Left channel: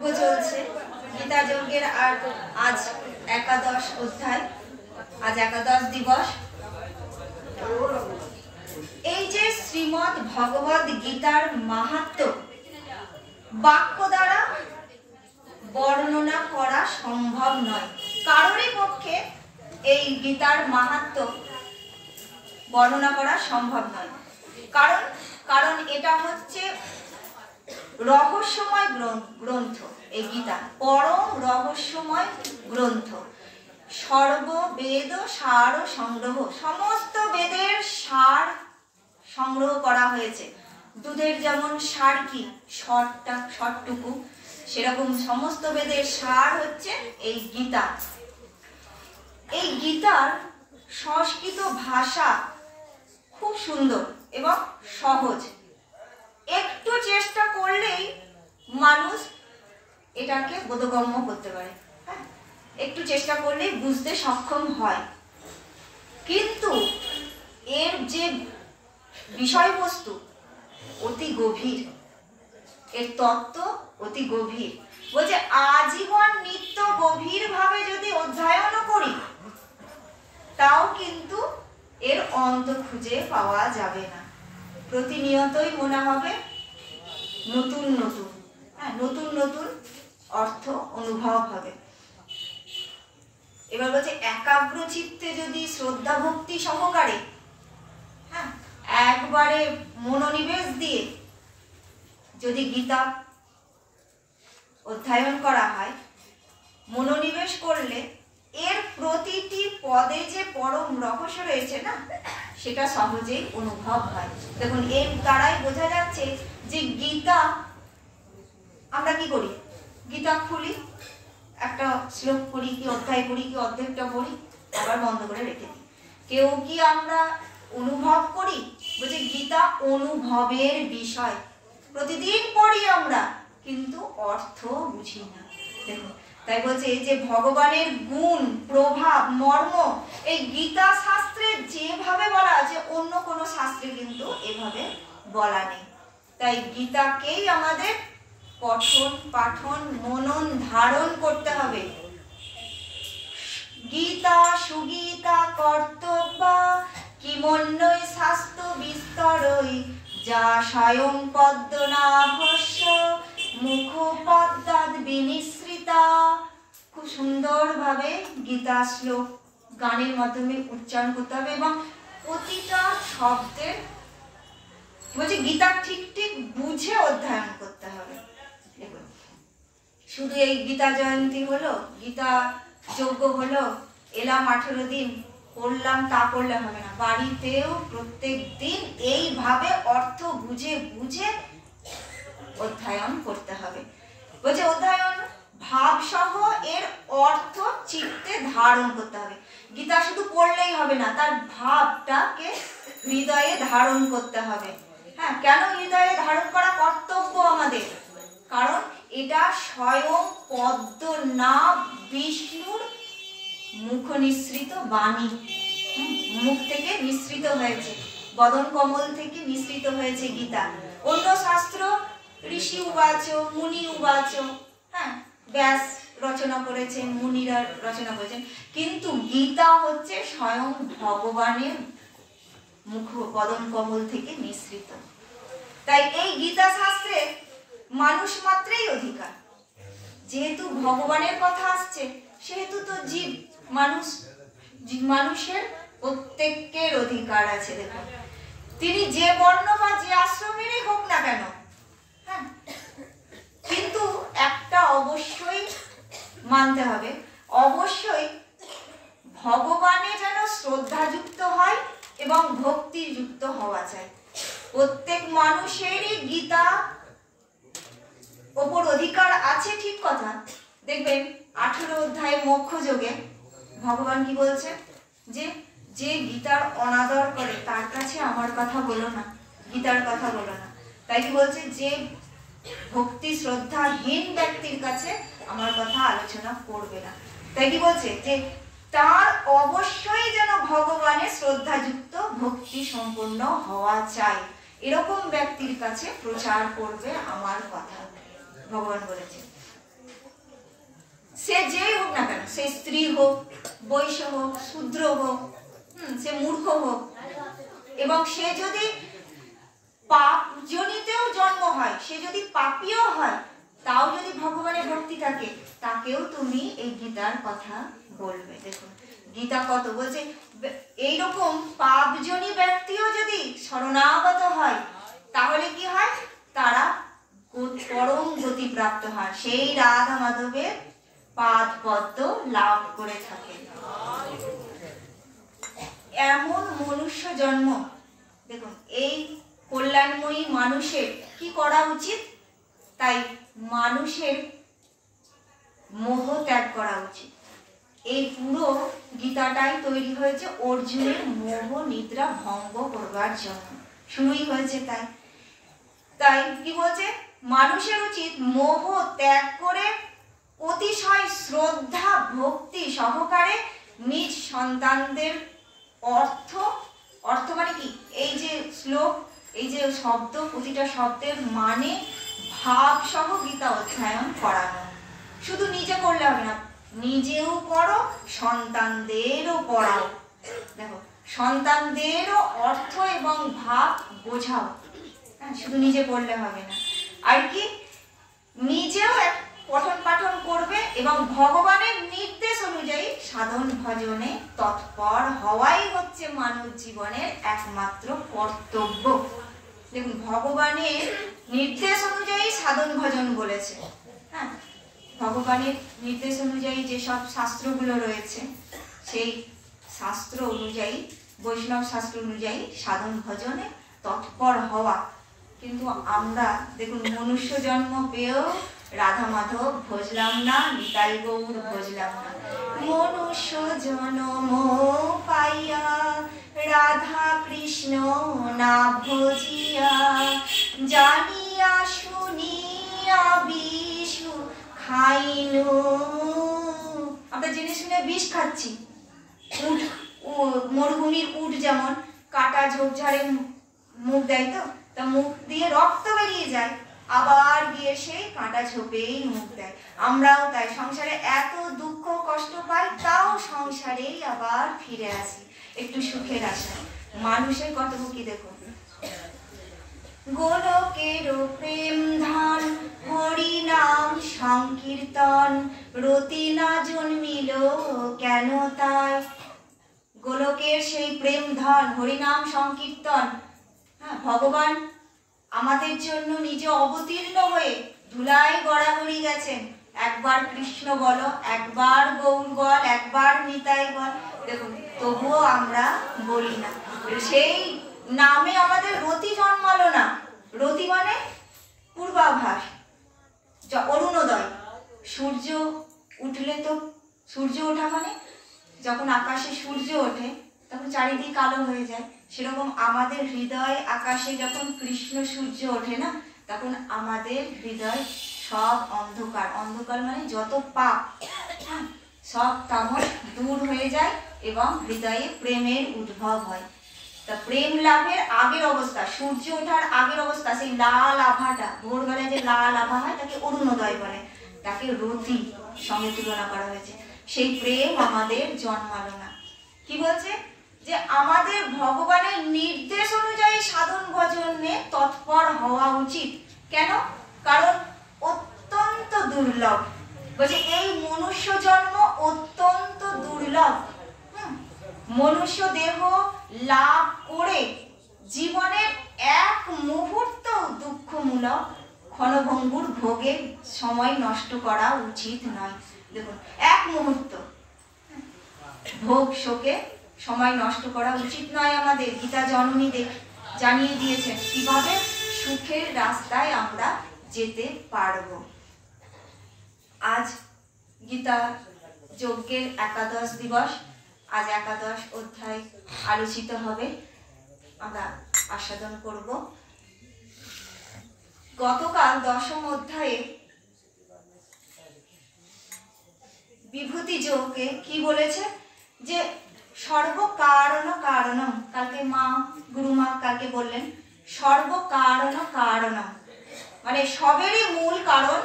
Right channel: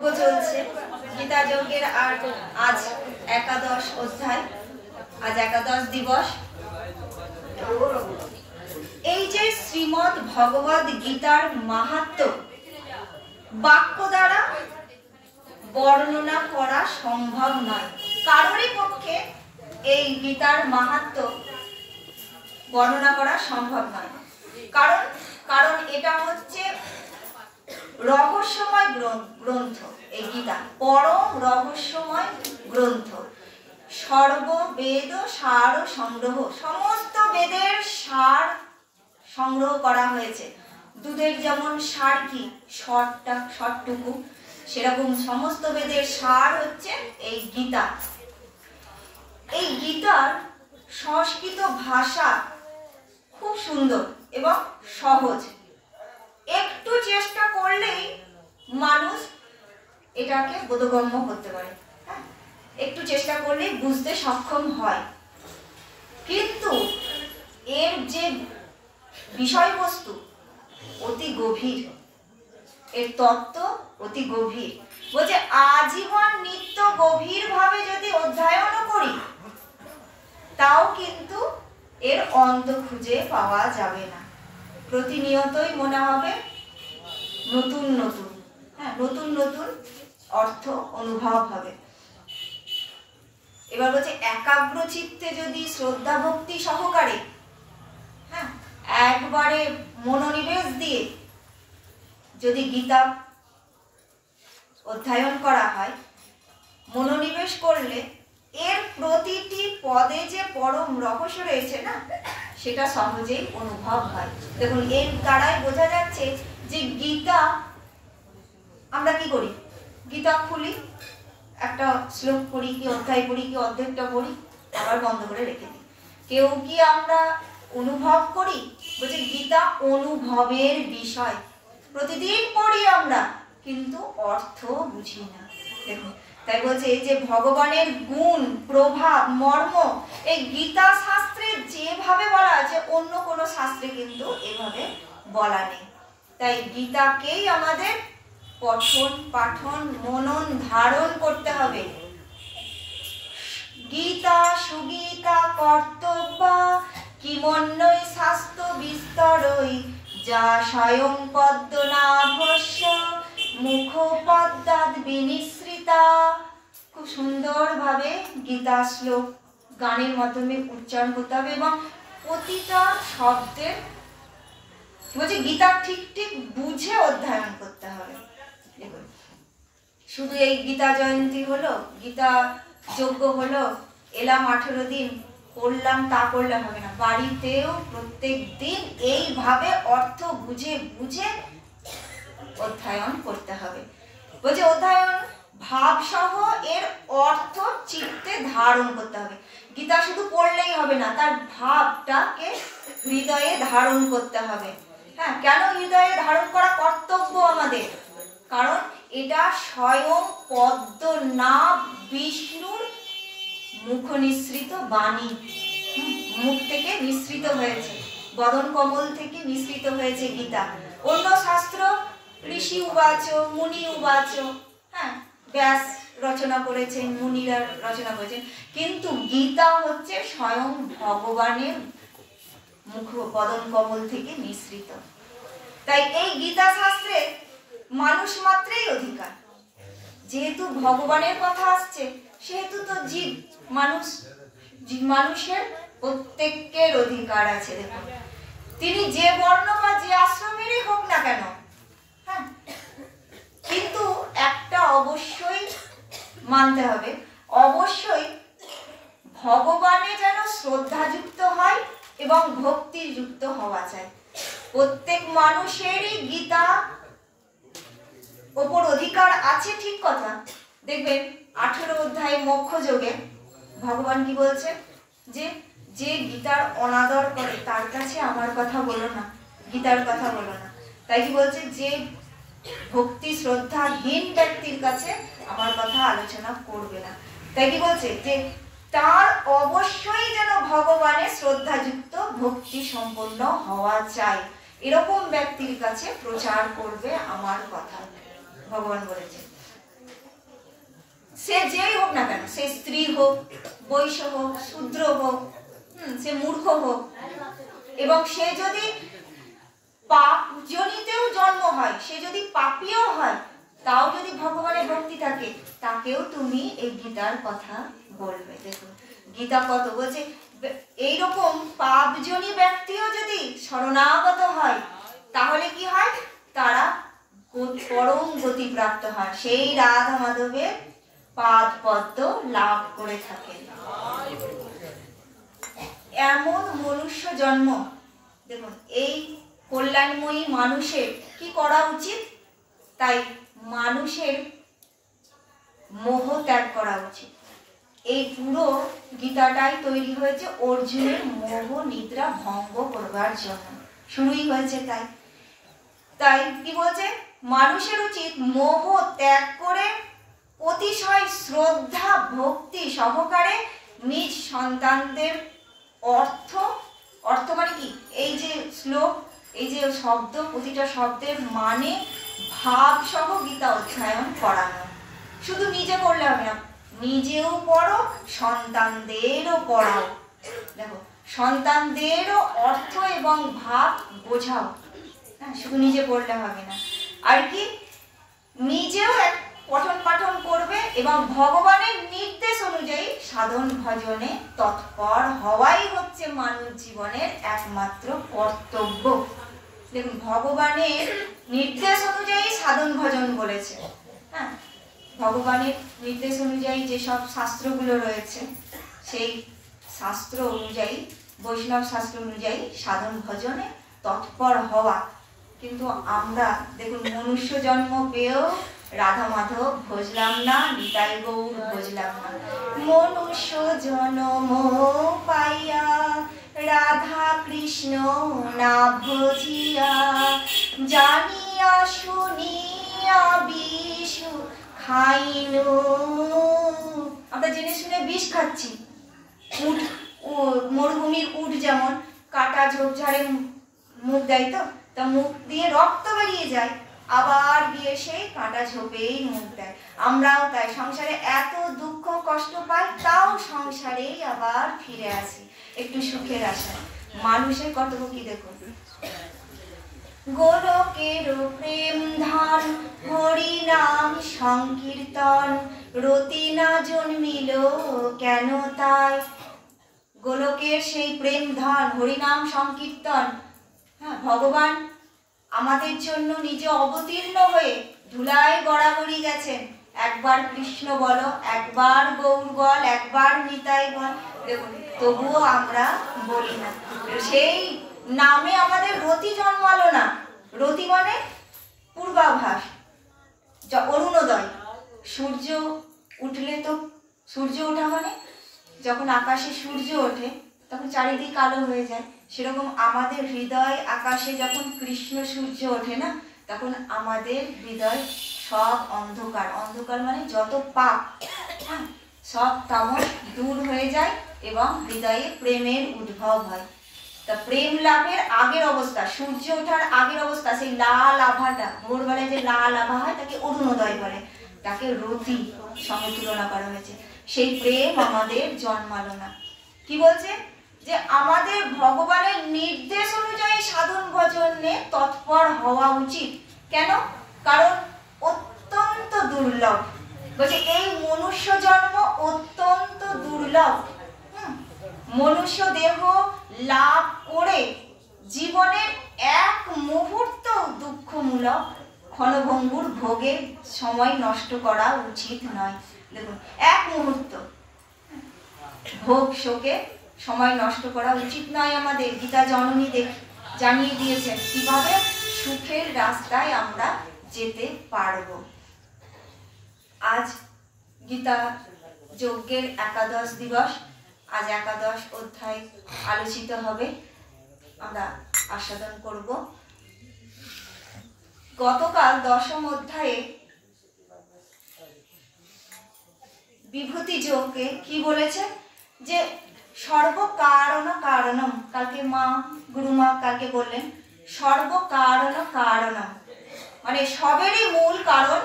চলছে গীতা যজ্ঞের আর আজ একাদশ অধ্যায়, আজ একাদশ দিবস। এই যে শ্রীমদ্ ভগবদ গীতার মাহাত্ম্য বাক্য দ্বারা বর্ণনা করা সম্ভব নয়, কারোরই পক্ষে এই গীতার মাহাত্ম্য বর্ণনা করা সম্ভব নয়। কারণ এটা হচ্ছে রহস্যময় গ্রন্থ। এই গীতা পরম রহস্যময় গ্রন্থ। সর্ববেদ সার সংগ্রহ, সমস্ত বেদের সার সংগ্রহ করা হয়েছে। দুধের যেমন সার কি শর্টটুকু, সেরকম সমস্ত বেদের সার হচ্ছে এই গীতা। এই গীতার সংস্কৃত ভাষা খুব সুন্দর এবং সহজ। একটু চেষ্টা করলেই মানুষ এটাকে বোধগম্য করতে পারে, একটু চেষ্টা করলেই বুঝতে সক্ষম হয়। কিন্তু এর যে বিষয়বস্তু অতি গভীর, এর তত্ত্ব অতি গভীর। বলছে আজীবন নিত্য গভীর ভাবে যদি অধ্যয়নও করি তাও কিন্তু এর অন্ত খুঁজে পাওয়া যাবে না। প্রতিনিয়তই মনে হবে নতুন নতুন অর্থ অনুভব হবে। এবার বলছে একাগ্র চিত্তে যদি শ্রদ্ধা ভক্তি সহকারে একবারে মনোনিবেশ দিয়ে যদি গীতা অধ্যয়ন করা হয়, মনোনিবেশ করলে এর প্রতিটি পদে যে পরম রহস্য রয়েছে না, সেটা সহজেই অনুভব হয়। দেখুন, এর দ্বারাই বোঝা যাচ্ছে যে গীতা আমরা কি করি, গীতা খুলি, একটা শ্লোক পড়ি কি অধ্যায় পড়ি কি অর্ধেকটা পড়ি, আবার বন্ধ করে রেখে দিই। কেউ কি আমরা অনুভব করি? বলছে গীতা অনুভবের বিষয়। প্রতিদিন পড়ি আমরা, কিন্তু অর্থ বুঝি না। দেখুন, তাই বলছে যে ভগবানের গুণ, প্রভাব, মর্ম এই গীতা শাস্ত্রে যেভাবে বলা আছে, অন্য কোনো শাস্ত্রে কিন্তু এভাবে বলা নেই। তাই গীতাকেই আমাদের পঠন পাঠন মনন ধারণ করতে হবে। গীতা সুগীতা কর্তব্যা কিমন্যই শাস্ত্র বিস্তরই যা স্বয়ং পদ্মনাভস্য মুখ পদ্মাদ বিনিসৃতা। খুব সুন্দরভাবে গীতা শ্লোক গানের মাধ্যমে উচ্চারণ করতে হবে এবং প্রতিটা শব্দের বলছে গীতা ঠিক ঠিক বুঝে অধ্যয়ন করতে হবে। শুধু এই গীতা জয়ন্তী হলো, গীতা যজ্ঞ হলো, এলাম 18 দিন পড়লাম, তা করলে হবে না। বাড়িতেও প্রত্যেক দিন এইভাবে অর্থ বুঝে বুঝে অধ্যয়ন করতে হবে। বলছে অধ্যয়ন ভাব সহ এর অর্থ চিত্তে ধারণ করতে হবে। গীতা শুধু পড়লেই হবে না, তার ভাবটাকে হৃদয়ে ধারণ করতে হবে। কেন হৃদয়ে ধারণ করা কর্তব্য আমাদের? কারণ এটা স্বয়ং পদ্মনাভ বিষ্ণুর মুখ নিঃসৃত বাণী, মুখ থেকে নিঃসৃত হয়েছে, বদন কমল থেকে নিঃসৃত হয়েছে গীতা। অন্য শাস্ত্র ঋষি উবাচ, মুনি উবাচ, ব্যাস রচনা করেছেন, মুনিরা রচনা করেছেন, কিন্তু গীতা হচ্ছে স্বয়ং ভগবানের মুখ বদন কমল থেকে নিঃসৃত। তাই এই গীতা শাস্ত্রে মানুষ মাত্রই অধিকার। যেহেতু ভগবানের কথা আসছে, সেহেতু তো মানুষের প্রত্যেকের অধিকার আছে। দেখুন, তিনি যে বর্ণ বা যে আশ্রমেরই হোক না কেন, কিন্তু একটা অবশ্যই মানতে হবে, অবশ্যই ভগবানে যেন শ্রদ্ধাযুক্ত হয় এবং ভক্তিযুক্ত হওয়া চাই। প্রত্যেক মানুষেরই গীতা ওপর অধিকার আছে, ঠিক কথা। দেখবেন 18 অধ্যায়ে মোক্ষ যোগে ভগবান কি বলছে, যে যে গীতার অনাদর করে তার কাছে আমার কথা বলো না, গীতার কথা বলো না। তাই কি বলছে, যে ভক্তি শ্রদ্ধাহীন ব্যক্তির কাছে আমার কথা আলোচনা করবে না। তাই কি বলছে, যে তার অবশ্যই যেন ভগবানের শ্রদ্ধাযুক্ত ভক্তি সম্পন্ন হওয়া চাই, এরকম ব্যক্তির কাছে প্রচার করবে আমার কথা, ভগবান বলেছে। হোক, বৈশ্য হোক, শূদ্র হোক, সে মূর্খ হোক, এবং সে যদি পাপ জনিতেও জন্ম হয়, সে যদি পাপীও হয়, তাও যদি ভগবানের ভক্তি থাকে, তাকেও তুমি এই গীতার কথা বলবে। দেখুন গীতা কত বলছে, এইরকম পাপজনী ব্যক্তিও যদি শরণাগত হয়, তাহলে কি হয়, তারা পরম গতি প্রাপ্ত হয়, সেই রাধা মাধবের পাদ পদ্ম লাভ করে থাকে। এমন মনুষ্য জন্ম, দেখুন এই কল্যাণময়ী মানুষের কি করা উচিত? তাই মানুষের মোহ ত্যাগ করা উচিত। এই পুরো গীতাটাই তৈরি হয়েছে অর্জুনের মোহ নিদ্রা ভঙ্গ করবার জন্য, শুরুই হয়েছে তাই। তাই কি বলছে, মানুষের উচিত মোহ ত্যাগ করে অতিশয় শ্রদ্ধা ভক্তি সহকারে নিজ সন্তানদের অর্থ মানে কি, এই যে শ্লোক, এই যে শব্দ, প্রতিটা শব্দের মানে ভাব সহ গীতা অধ্যয়ন করানো। শুধু নিজে করলে হবে না, নিজেও পড়ো, সন্তানদেরও পড়াও। দেখো সন্তানদেরও অর্থ এবং ভাব বোঝাও, শুধু নিজে পড়লে হবে না। আর কি, নিজেও পঠন পাঠন করবে এবং ভগবানের নির্দেশ অনুযায়ী সাধন ভজনে তৎপর হওয়াই হচ্ছে মানব জীবনের একমাত্র কর্তব্য। দেখুন ভগবানের নির্দেশ অনুযায়ী সাধন ভজন বলেছে। হ্যাঁ, ভগবানের নির্দেশ অনুযায়ী যেসব শাস্ত্রগুলো রয়েছে, সেই শাস্ত্র অনুযায়ী, বৈষ্ণব শাস্ত্র অনুযায়ী সাধন ভজনে তৎপর হওয়া। কিন্তু আমরা দেখুন মনুষ্য জন্ম পেয়েও রাধা মাধব ভজলাম না, নিতাই গৌর ভজলাম না। মনুষ্য জন্ম পাইয়া রাধা কৃষ্ণ না ভজিয়া, জানিয়া শুনিয়া বিষ খাইল। আমরা জেনে শুনে বিষ খাচ্ছি। মরুভূমির উট যেমন কাটা ঝোপঝাড়ে মুখ দেয়, তো তা মুখ দিয়ে রক্ত বেরিয়ে যায়, আবার গিয়ে সেই কাঁটা ঝোপেই মুখ দেয়। আমরাও তাই সংসারে এত দুঃখ কষ্ট পাই, তাও সংসারেই আবার ফিরে আসি একটু সুখের আশায়। মানুষের কর্তব্য কি দেখুন, গোলকের প্রেম ধান হরি নাম সংকীর্তন, রতি না জন্মিল কেন তাই। গোলকের সেই প্রেম ধন হরিনাম সংকীর্তন, হ্যাঁ, ভগবান আমাদের জন্য নিজে অবতীর্ণ হয়ে ধুলায় গড়াগড়ি গেছেন। একবার কৃষ্ণ বলো, একবার গৌর বল, একবার নিতাই বল, দেখুন তবুও আমরা বলি না। সেই নামে আমাদের রতি জন্মালো না। রতি মানে পূর্বাভাস, অরুণোদয়। সূর্য উঠলে তো, সূর্য ওঠা মানে যখন আকাশে সূর্য ওঠে তখন চারিদিক আলো হয়ে যায়। সেরকম আমাদের হৃদয় আকাশে যখন কৃষ্ণ সূর্য ওঠে না, তখন আমাদের হৃদয় সব অন্ধকার, অন্ধকার মানে যত পাপ, সব তামস দূর হয়ে যায় এবং হৃদয়ে প্রেমের উদ্ভব হয়। তা প্রেম লাভের আগের অবস্থা, সূর্য ওঠার আগের অবস্থা, সেই লাল আভাটা, ভোরবেলায় যে লাল আভা হয় তাকে অরুণোদয় বলে, তাকে রতি সঙ্গে তুলনা করা হয়েছে। সেই প্রেম আমাদের জন্মালো না। কি বলছে, যে আমাদের ভগবানের নির্দেশ অনুযায়ী সাধন ভজনে তৎপর হওয়া উচিত। কেন? কারণ অত্যন্ত দুর্লভ। বলছে এই মনুষ্য জন্ম অত্যন্ত দুর্লভ। মনুষ্য দেহ লাভ করে জীবনের এক মুহূর্ত দুঃখমূলক ক্ষণভঙ্গুর ভোগের সময় নষ্ট করা উচিত নয়। দেখুন এক মুহূর্ত ভোগ শোকে সময় নষ্ট করা উচিত নয় আমাদের। গীতা জননী জানিয়ে দিয়েছেন কিভাবে সুখের রাস্তায় আমরা যেতে পারব। আজ গীতা যজ্ঞের একাদশ দিবস, আজ একাদশ অধ্যায় আলোচিত হবে, আমরা আস্বাদন করব। গতকাল দশম অধ্যায়ে বিভূতি যোগকে কি বলেছে, যে সর্বকারণ কারণম, কালকে মা গুরুমা কালকে বললেন সর্বকারণ কারণম, মানে সবেরই মূল কারণ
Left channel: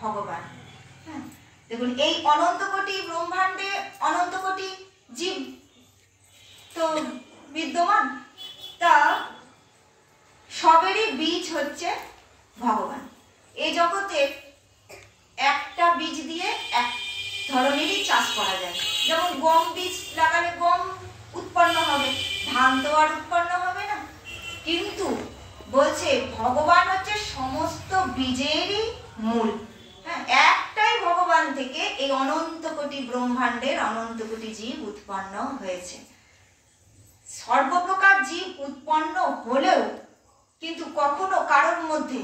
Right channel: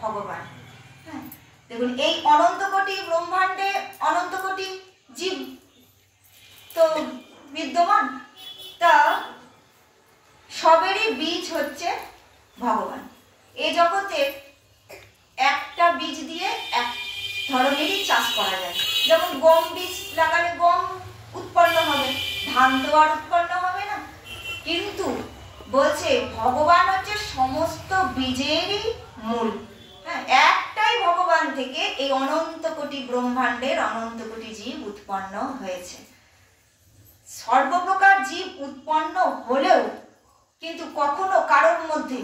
ভগবান। দেখুন এই অনন্ত কোটি ব্রহ্মাণ্ডে অনন্ত কোটি জীব তো বিদ্যমান, তা সবেরই বীজ হচ্ছে ভগবান। এই জগতে একটা বীজ দিয়ে এক ধরনেরই চাষ করা যায়। যেমন গম বীজ লাগালে গম উৎপন্ন হবে, ধান তো আর উৎপন্ন হবে না। কিন্তু বলছে ভগবান হচ্ছে সমস্ত বীজেরই মূল। হ্যাঁ, একটাই ভগবান থেকে এই অনন্ত কোটি ব্রহ্মাণ্ডের অনন্ত কোটি জীব উৎপন্ন হয়েছে। সর্বপ্রকার জীব উৎপন্ন হলেও কিন্তু কখনো কারোর মধ্যে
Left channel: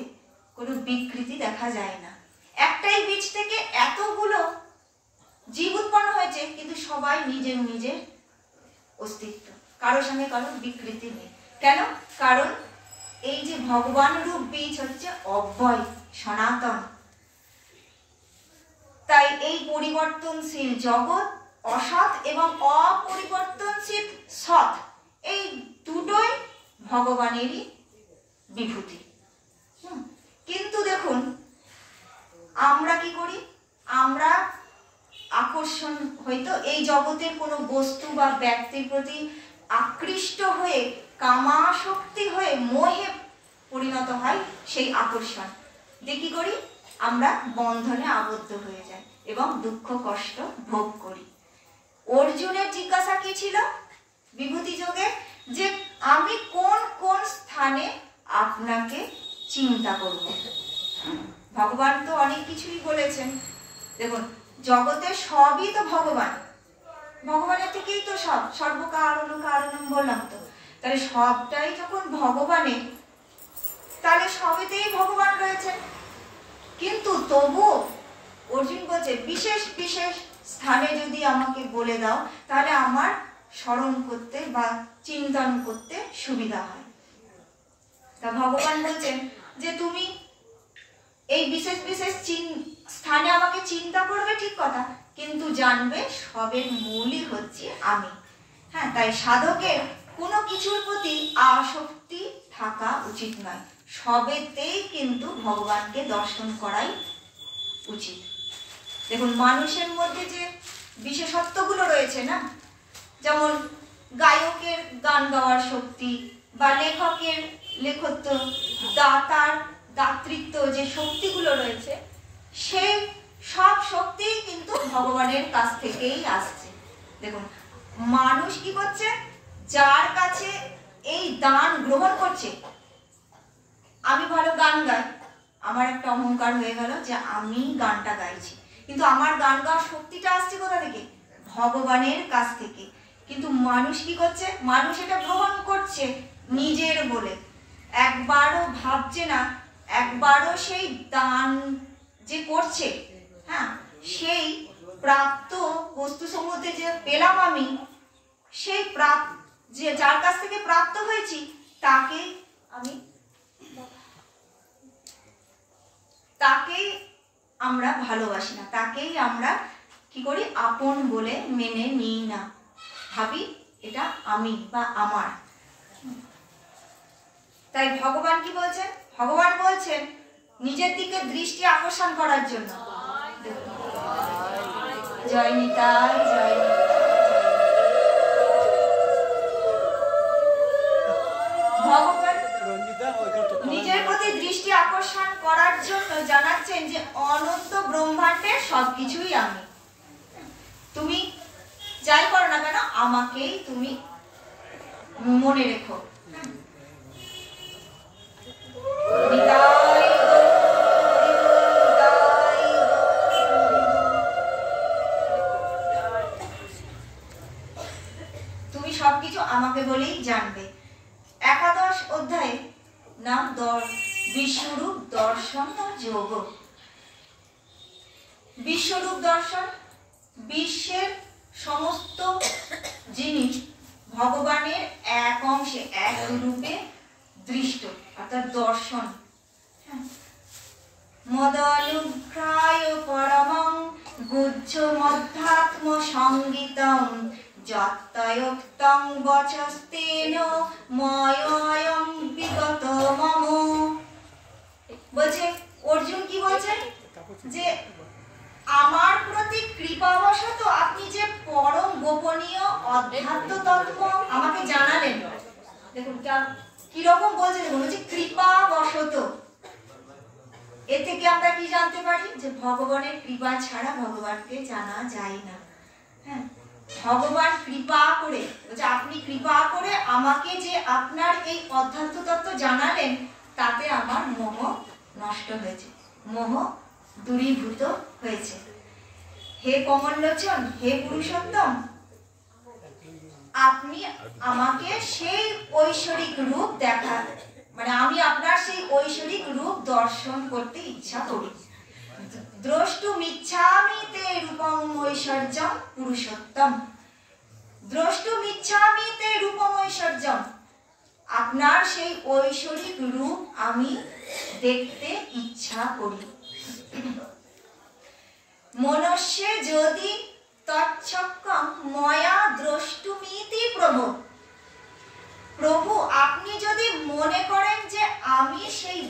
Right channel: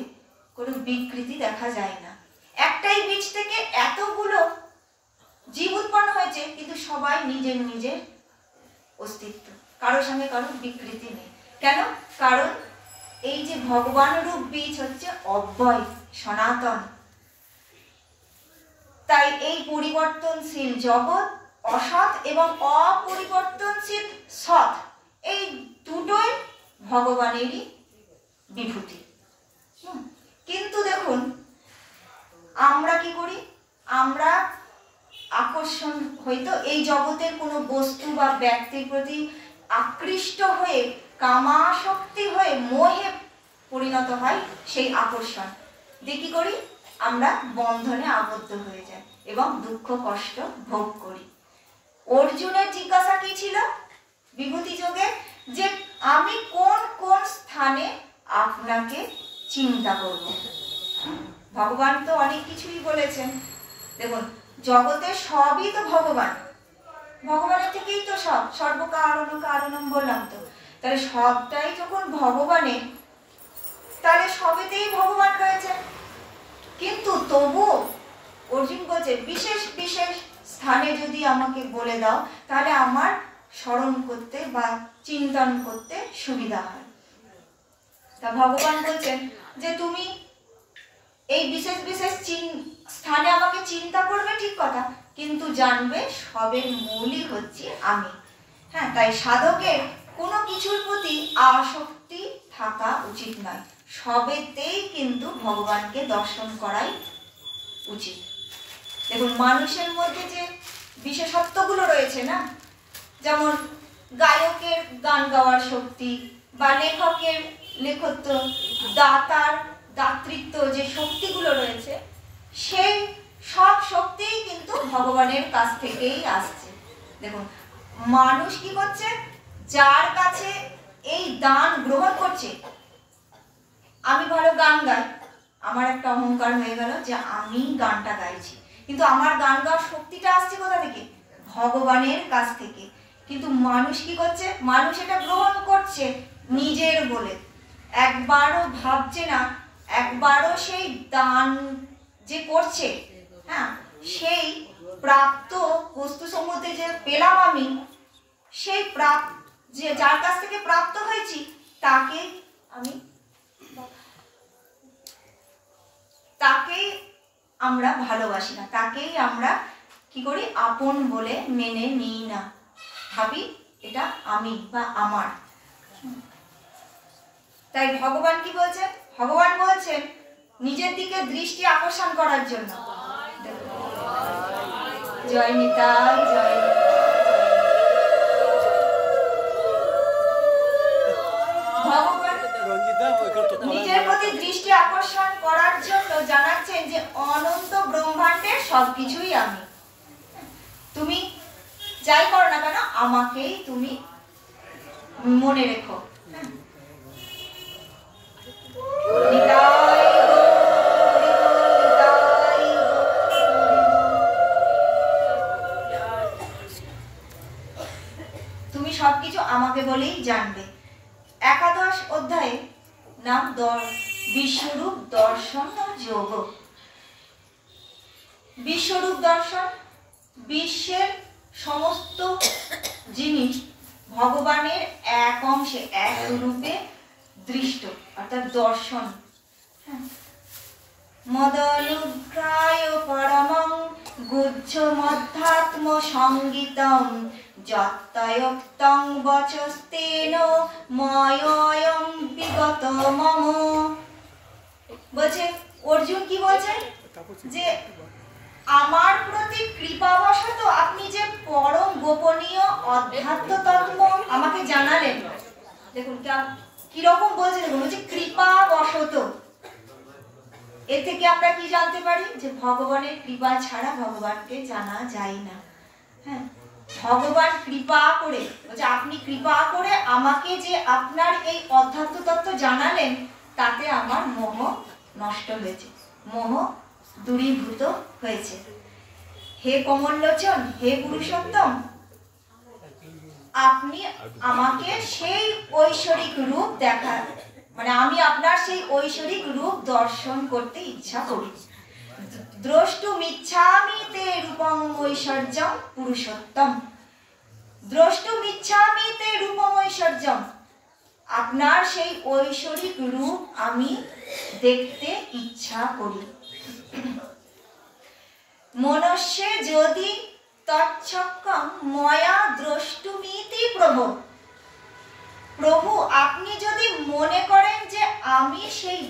কোনো বিকৃতি দেখা যায় না। একটাই বীজ থেকে এতগুলো জীব উৎপন্ন হয়েছে, কিন্তু সবাই নিজের নিজের অস্তিত্ব, কারোর সঙ্গে কারোর বিকৃতি নেই। কেন? কারণ এই যে ভগবান রূপ বীজ হচ্ছে অব্যয়, সনাতন। তাই এই পরিবর্তনশীল জগৎ, অসৎ এবং অপরিবর্তনশীল সৎ, এই দুটোই ভগবানেরই বিভূতি। কিন্তু দেখুন আমরা কি করি? আমরা আকর্ষণ হয়তো এই জগতের কোনো বস্তু বা ব্যক্তির প্রতি আকৃষ্ট হয়ে কামাসক্তি হয়ে মোহে পরিণত হয়। সেই আকর্ষণ দিয়ে কি করি? আমরা বন্ধনে আবদ্ধ হয়ে যাই এবং দুঃখ কষ্ট ভোগ করি। অর্জুনের জিজ্ঞাসা কি ছিল বিভূতি যোগে? যে আমি কোন কোন স্থানে আপনাকে চিন্তা করব। ভগবান তো অনেক কিছুই বলেছেন। দেখুন জগতে সবই তো ভগবান, ভগবানের থেকেই তো সব, সর্বকারণ কারণম বললাম তো। তাহলে সবটাই যখন ভগবানের, তাহলে সবেতেই ভগবান রয়েছে। কিন্তু তবুও অর্জুন বলছে বিশেষ বিশেষ স্থানে যদি আমাকে বলে দাও, তাহলে আমার স্মরণ করতে বা চিন্তন করতে সুবিধা হয়। তা ভগবান বলছেন যে তুমি এই বিশেষ বিশেষ স্থানে আমাকে চিন্তা করবে, ঠিক কথা, কিন্তু জানবে সবের মূলই হচ্ছে আমি। হ্যাঁ, তাই সাধকের কোনো কিছুর প্রতি আসক্তি থাকা উচিত নয়। সবেতেই কিন্তু ভগবানকে দর্শন করাই উচিত। দেখুন মানুষের মধ্যে যে বিশেষত্বগুলো রয়েছে না, যেমন গায়কের গান গাওয়ার শক্তি বা লেখকের লেখত্ব, দাতার দাতৃত্ব, যে শক্তিগুলো রয়েছে, সেই সব শক্তিই কিন্তু ভগবানের কাছ থেকেই আসছে। দেখুন মানুষ কি করছে? যার কাছে এই দান গ্রহণ করছে, আমি ভালো গান গাই, আমার একটা অহংকার হয়ে গেল যে আমি গানটা গাইছি, কিন্তু আমার গান গাওয়ার শক্তিটা আসছে কোথা থেকে? ভগবানের কাছ থেকে। কিন্তু মানুষ কি করছে? মানুষ এটা গ্রহণ করছে নিজের বলে, একবারও ভাবছে না, একবারও সেই দান যে করছে, হ্যাঁ, সেই প্রাপ্ত বস্তু সম্বন্ধে যে পেলাম আমি, সেই যে যার কাছ থেকে প্রাপ্ত হয়েছি তাকেই আমরা ভালোবাসি না, তাকেই আমরা কি করি? আপন বলে মেনে নিই না, ভাবি এটা আমি বা আমার। তাই ভগবান কি বলছেন? ভগবান বলছেন নিজের দিকে দৃষ্টি আকর্ষণ করার জন্য। জয় নিতাই, জয় ভগবান নিজের প্রতি দৃষ্টি আকর্ষণ করার জন্য জানাচ্ছেন যে অনন্ত ব্রহ্মাণ্ডের সবকিছুই আমি। তুমি যাই করো না কেন, আমাকেই তুমি মনে রেখো। তুমি সবকিছু আমাকে বলেই জানবে। একাদশ অধ্যায়ে নাম বিশ্বরূপ দর্শন যোগ। বিশ্বরূপ দর্শন, বিশ্বের সমস্ত জিনিস ভগবানের এক অংশে এক রূপে দৃষ্ট, অর্থাৎ দর্শন। মদানুগ্রায় পরমং গুহ্য মধ্যাত্ম সংগীতং যত্তয়োক্তং বচস্তেন ময়য়ং বিগত মম। বলছে অর্জুন কি বলছে? যে আমার প্রতি কৃপাবশত আপনি যে পরম গোপনীয় অধ্যাত্ম তত্ত্ব আমাকে জানালেন। দেখুন কিরকম বলছে, দেখুন যে কৃপাবশত। এর থেকে আমরা কি জানতে পারি? যে ভগবানের কৃপা ছাড়া ভগবানকে জানা যায় না। হ্যাঁ, ভগবান কৃপা করে, বলছে আপনি কৃপা করে আমাকে যে আপনার এই অধ্যাত্ম তত্ত্ব জানালেন, তাতে আমার মোহ নষ্ট হয়েছে, মোহ দূরীভূত হয়েছে। হে কমললোচন, হে পুরুষোত্তম, আপনি আমাকে সেই ঐশ্বরিক রূপ দেখা, মানে আমি আপনার সেই ঐশ্বরিক রূপ দর্শন করতে ইচ্ছা করি। দ্রষ্টুমিচ্ছামি তে রূপং ঐশ্বর্যম পুরুষোত্তম। দ্রষ্টুমিচ্ছামি তে রূপং ঐশ্বর্যম, আপনার সেই ঐশ্বরিক রূপ আমি দেখতে ইচ্ছা করি। মনুষ্যে যদি তচ্ছক্কম ময়া দ্রষ্টুমিতি প্রভু, প্রভু আপনি যদি মনে করেন যে আমি সেই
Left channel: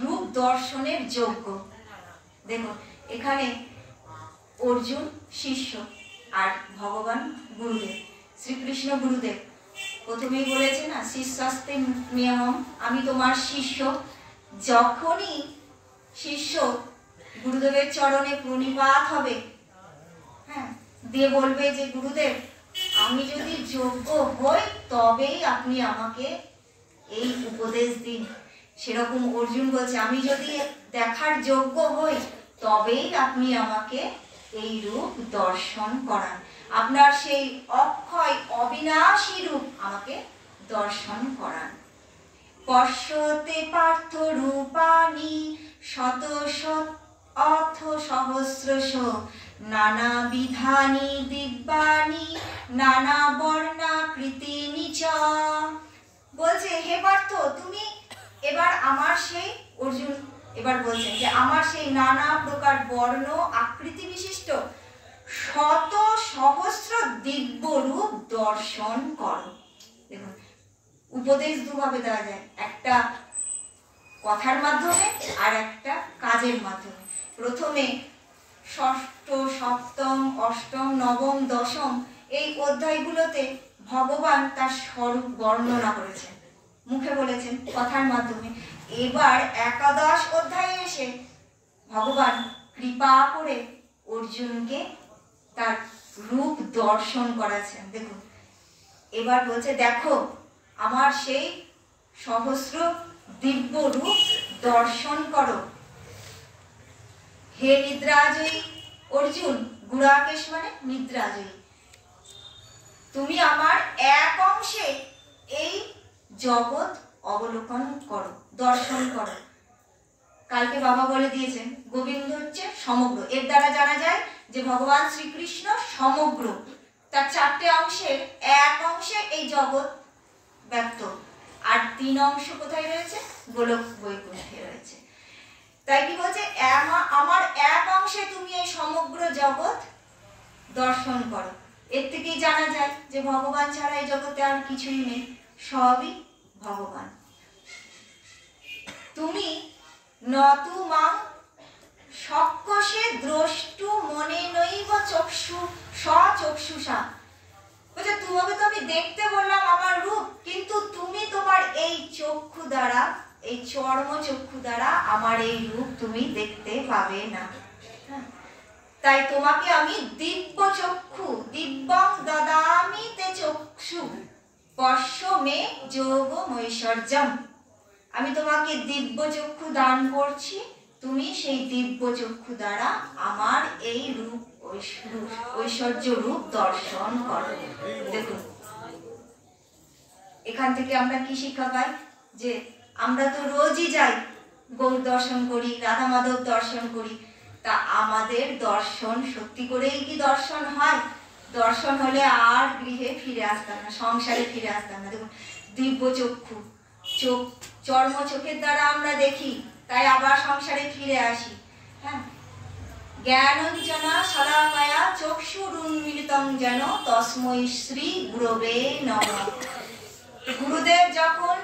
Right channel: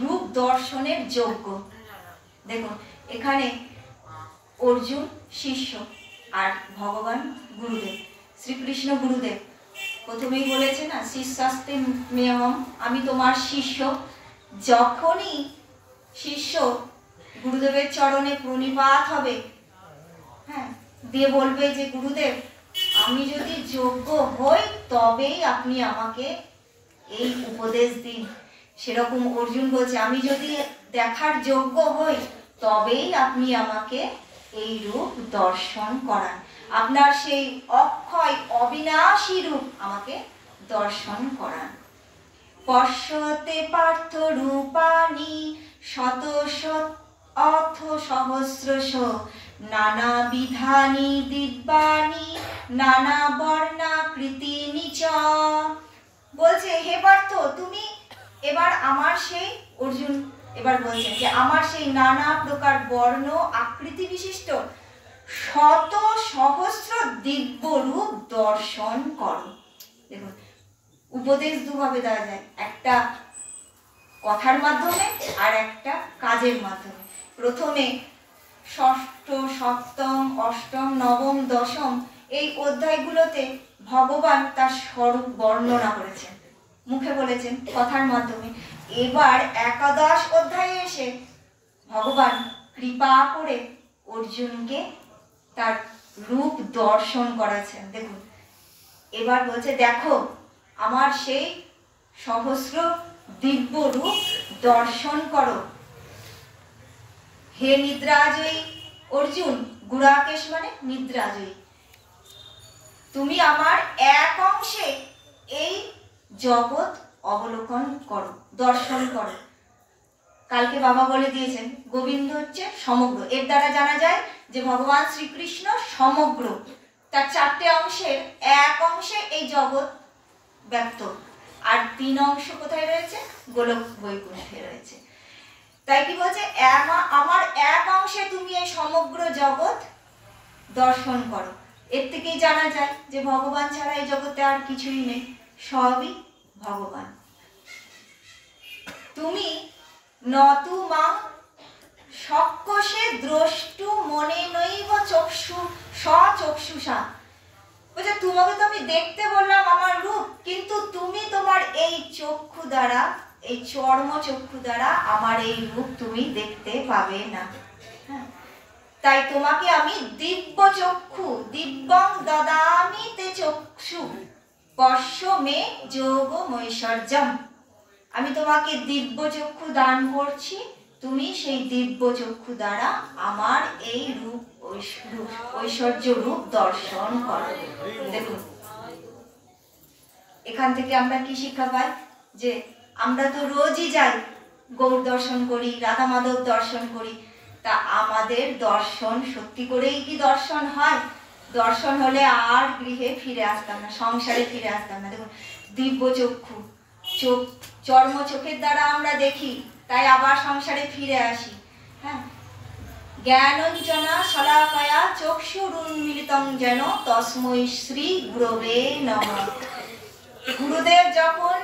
রূপ দর্শনের যোগ্য। দেখুন এখানে অর্জুন শিষ্য আর ভগবান গুরুদেব, শ্রীকৃষ্ণ গুরুদেব প্রথমেই বলেছে না, শিষ্যাস্তে মেহম, আমি তোমার শিষ্য। যখনই শিষ্য গুরুদেবের চরণে প্রণিপাত হবে, হ্যাঁ, দিয়ে বলবে যে গুরুদেব আমি যদি যোগ্য হই তবেই আপনি আমাকে এই উপদেশ দিন। সেরকম অর্জুন বলছে আমি যদি দেখার যোগ্য হই তবেই আপনি আমাকে এই রূপ দর্শন করান, আপনার সেই অক্ষয় অবিনাশী রূপ আমাকে দর্শন করান। পশ্যতে পার্থ রূপানি শত শত অথ সহস্রশ নানা বিধানি দিব্যানি নানা বর্ণাকৃতিনি চ। বলছে হে পার্থ, তুমি এবার আমার সেই, অর্জুন এবার বলছেন যে আমার সেই নানা প্রকার বর্ণ আকৃতি বিশিষ্ট শত সহস্র দিব্য রূপ দর্শন করো। দেখুন উপদেশ দুভাবে দেওয়া যায়, একটা কথার মাধ্যমে আর একটা কাজের মাধ্যমে। প্রথমে ষষ্ঠ, সপ্তম, অষ্টম, নবম, দশম এই অধ্যায়গুলোতে ভগবান তার স্বরূপ বর্ণনা করেছেন, মুখে বলেছেন, কথার মাধ্যমে। এবার একাদশ অধ্যায়ে এসে ভগবান কৃপা করে অর্জুনকে তার রূপ দর্শন করাচ্ছেন। দেখুন এবার বলছে দেখো আমার সেই সহস্র দিব্য রূপ দর্শন করো। হে নিদ্রাজয়ী অর্জুন, গুড়াকেশ মানে নিদ্রাজয়ী, তুমি আমার এক অংশে এই জগৎ অবলোকন করো, দর্শন করো। কালকে বাবা বলে দিয়েছেন গোবিন্দ হচ্ছে সমগ্র। এর দ্বারা জানা যায় যে ভগবান শ্রীকৃষ্ণ সমগ্র, তার চারটে অংশের এক অংশে এই জগৎ ব্যক্ত, আর তিন অংশ কোথায় রয়েছে? গোলক বৈকুণ্ঠে রয়েছে। তাই কি বলছে, আমার এক অংশে তুমি এই সমগ্র জগৎ দর্শন করো। এর থেকেই জানা যায় যে ভগবান ছাড়া এই জগতে আর কিছুই নেই, সবই ভগবান। তুমি নতু মাং সক্ষসে দ্রষ্টু মনে নৈব চক্ষু সচক্ষুষা। বলছে তোমাকে তো আমি দেখতে বললাম আমার রূপ, কিন্তু তুমি তোমার এই চক্ষু দ্বারা, এই চর্ম চক্ষু দ্বারা আমার এই রূপ তুমি দেখতে পাবে না। তাই তোমাকে আমি দিব্য চক্ষু, দিব্যং দদামি তে চক্ষু পশ্য মে যোগমৈশ্বর্যম, আমি তোমাকে দিব্য চক্ষু দান করছি, তুমি সেই দিব্য চক্ষু দ্বারা আমার এই রূপ ঐশ্বর্য রূপ দর্শন করো। দেখুন এখান থেকে আমরা কি শিক্ষা পাই, যে আমরা তো রোজই যাই, গৌর দর্শন করি, রাধা মাধব দর্শন করি, তা আমাদের দর্শন সত্যি করেই কি দর্শন হয়? দর্শন হলে আর গৃহে ফিরে আসতাম না, সংসারে ফিরে আসতাম না। দেখুন দিব্য চক্ষু, চোখ, চর্ম চোখের দ্বারা আমরা দেখি, তাই আবার সংসারে ফিরে আসি। হ্যাঁ, জ্ঞানঞ্জনা শলাকায়া চক্ষুরুন্মিলিতং যেন তস্मै শ্রী গুরবে নমঃ। গুরুদেব যখন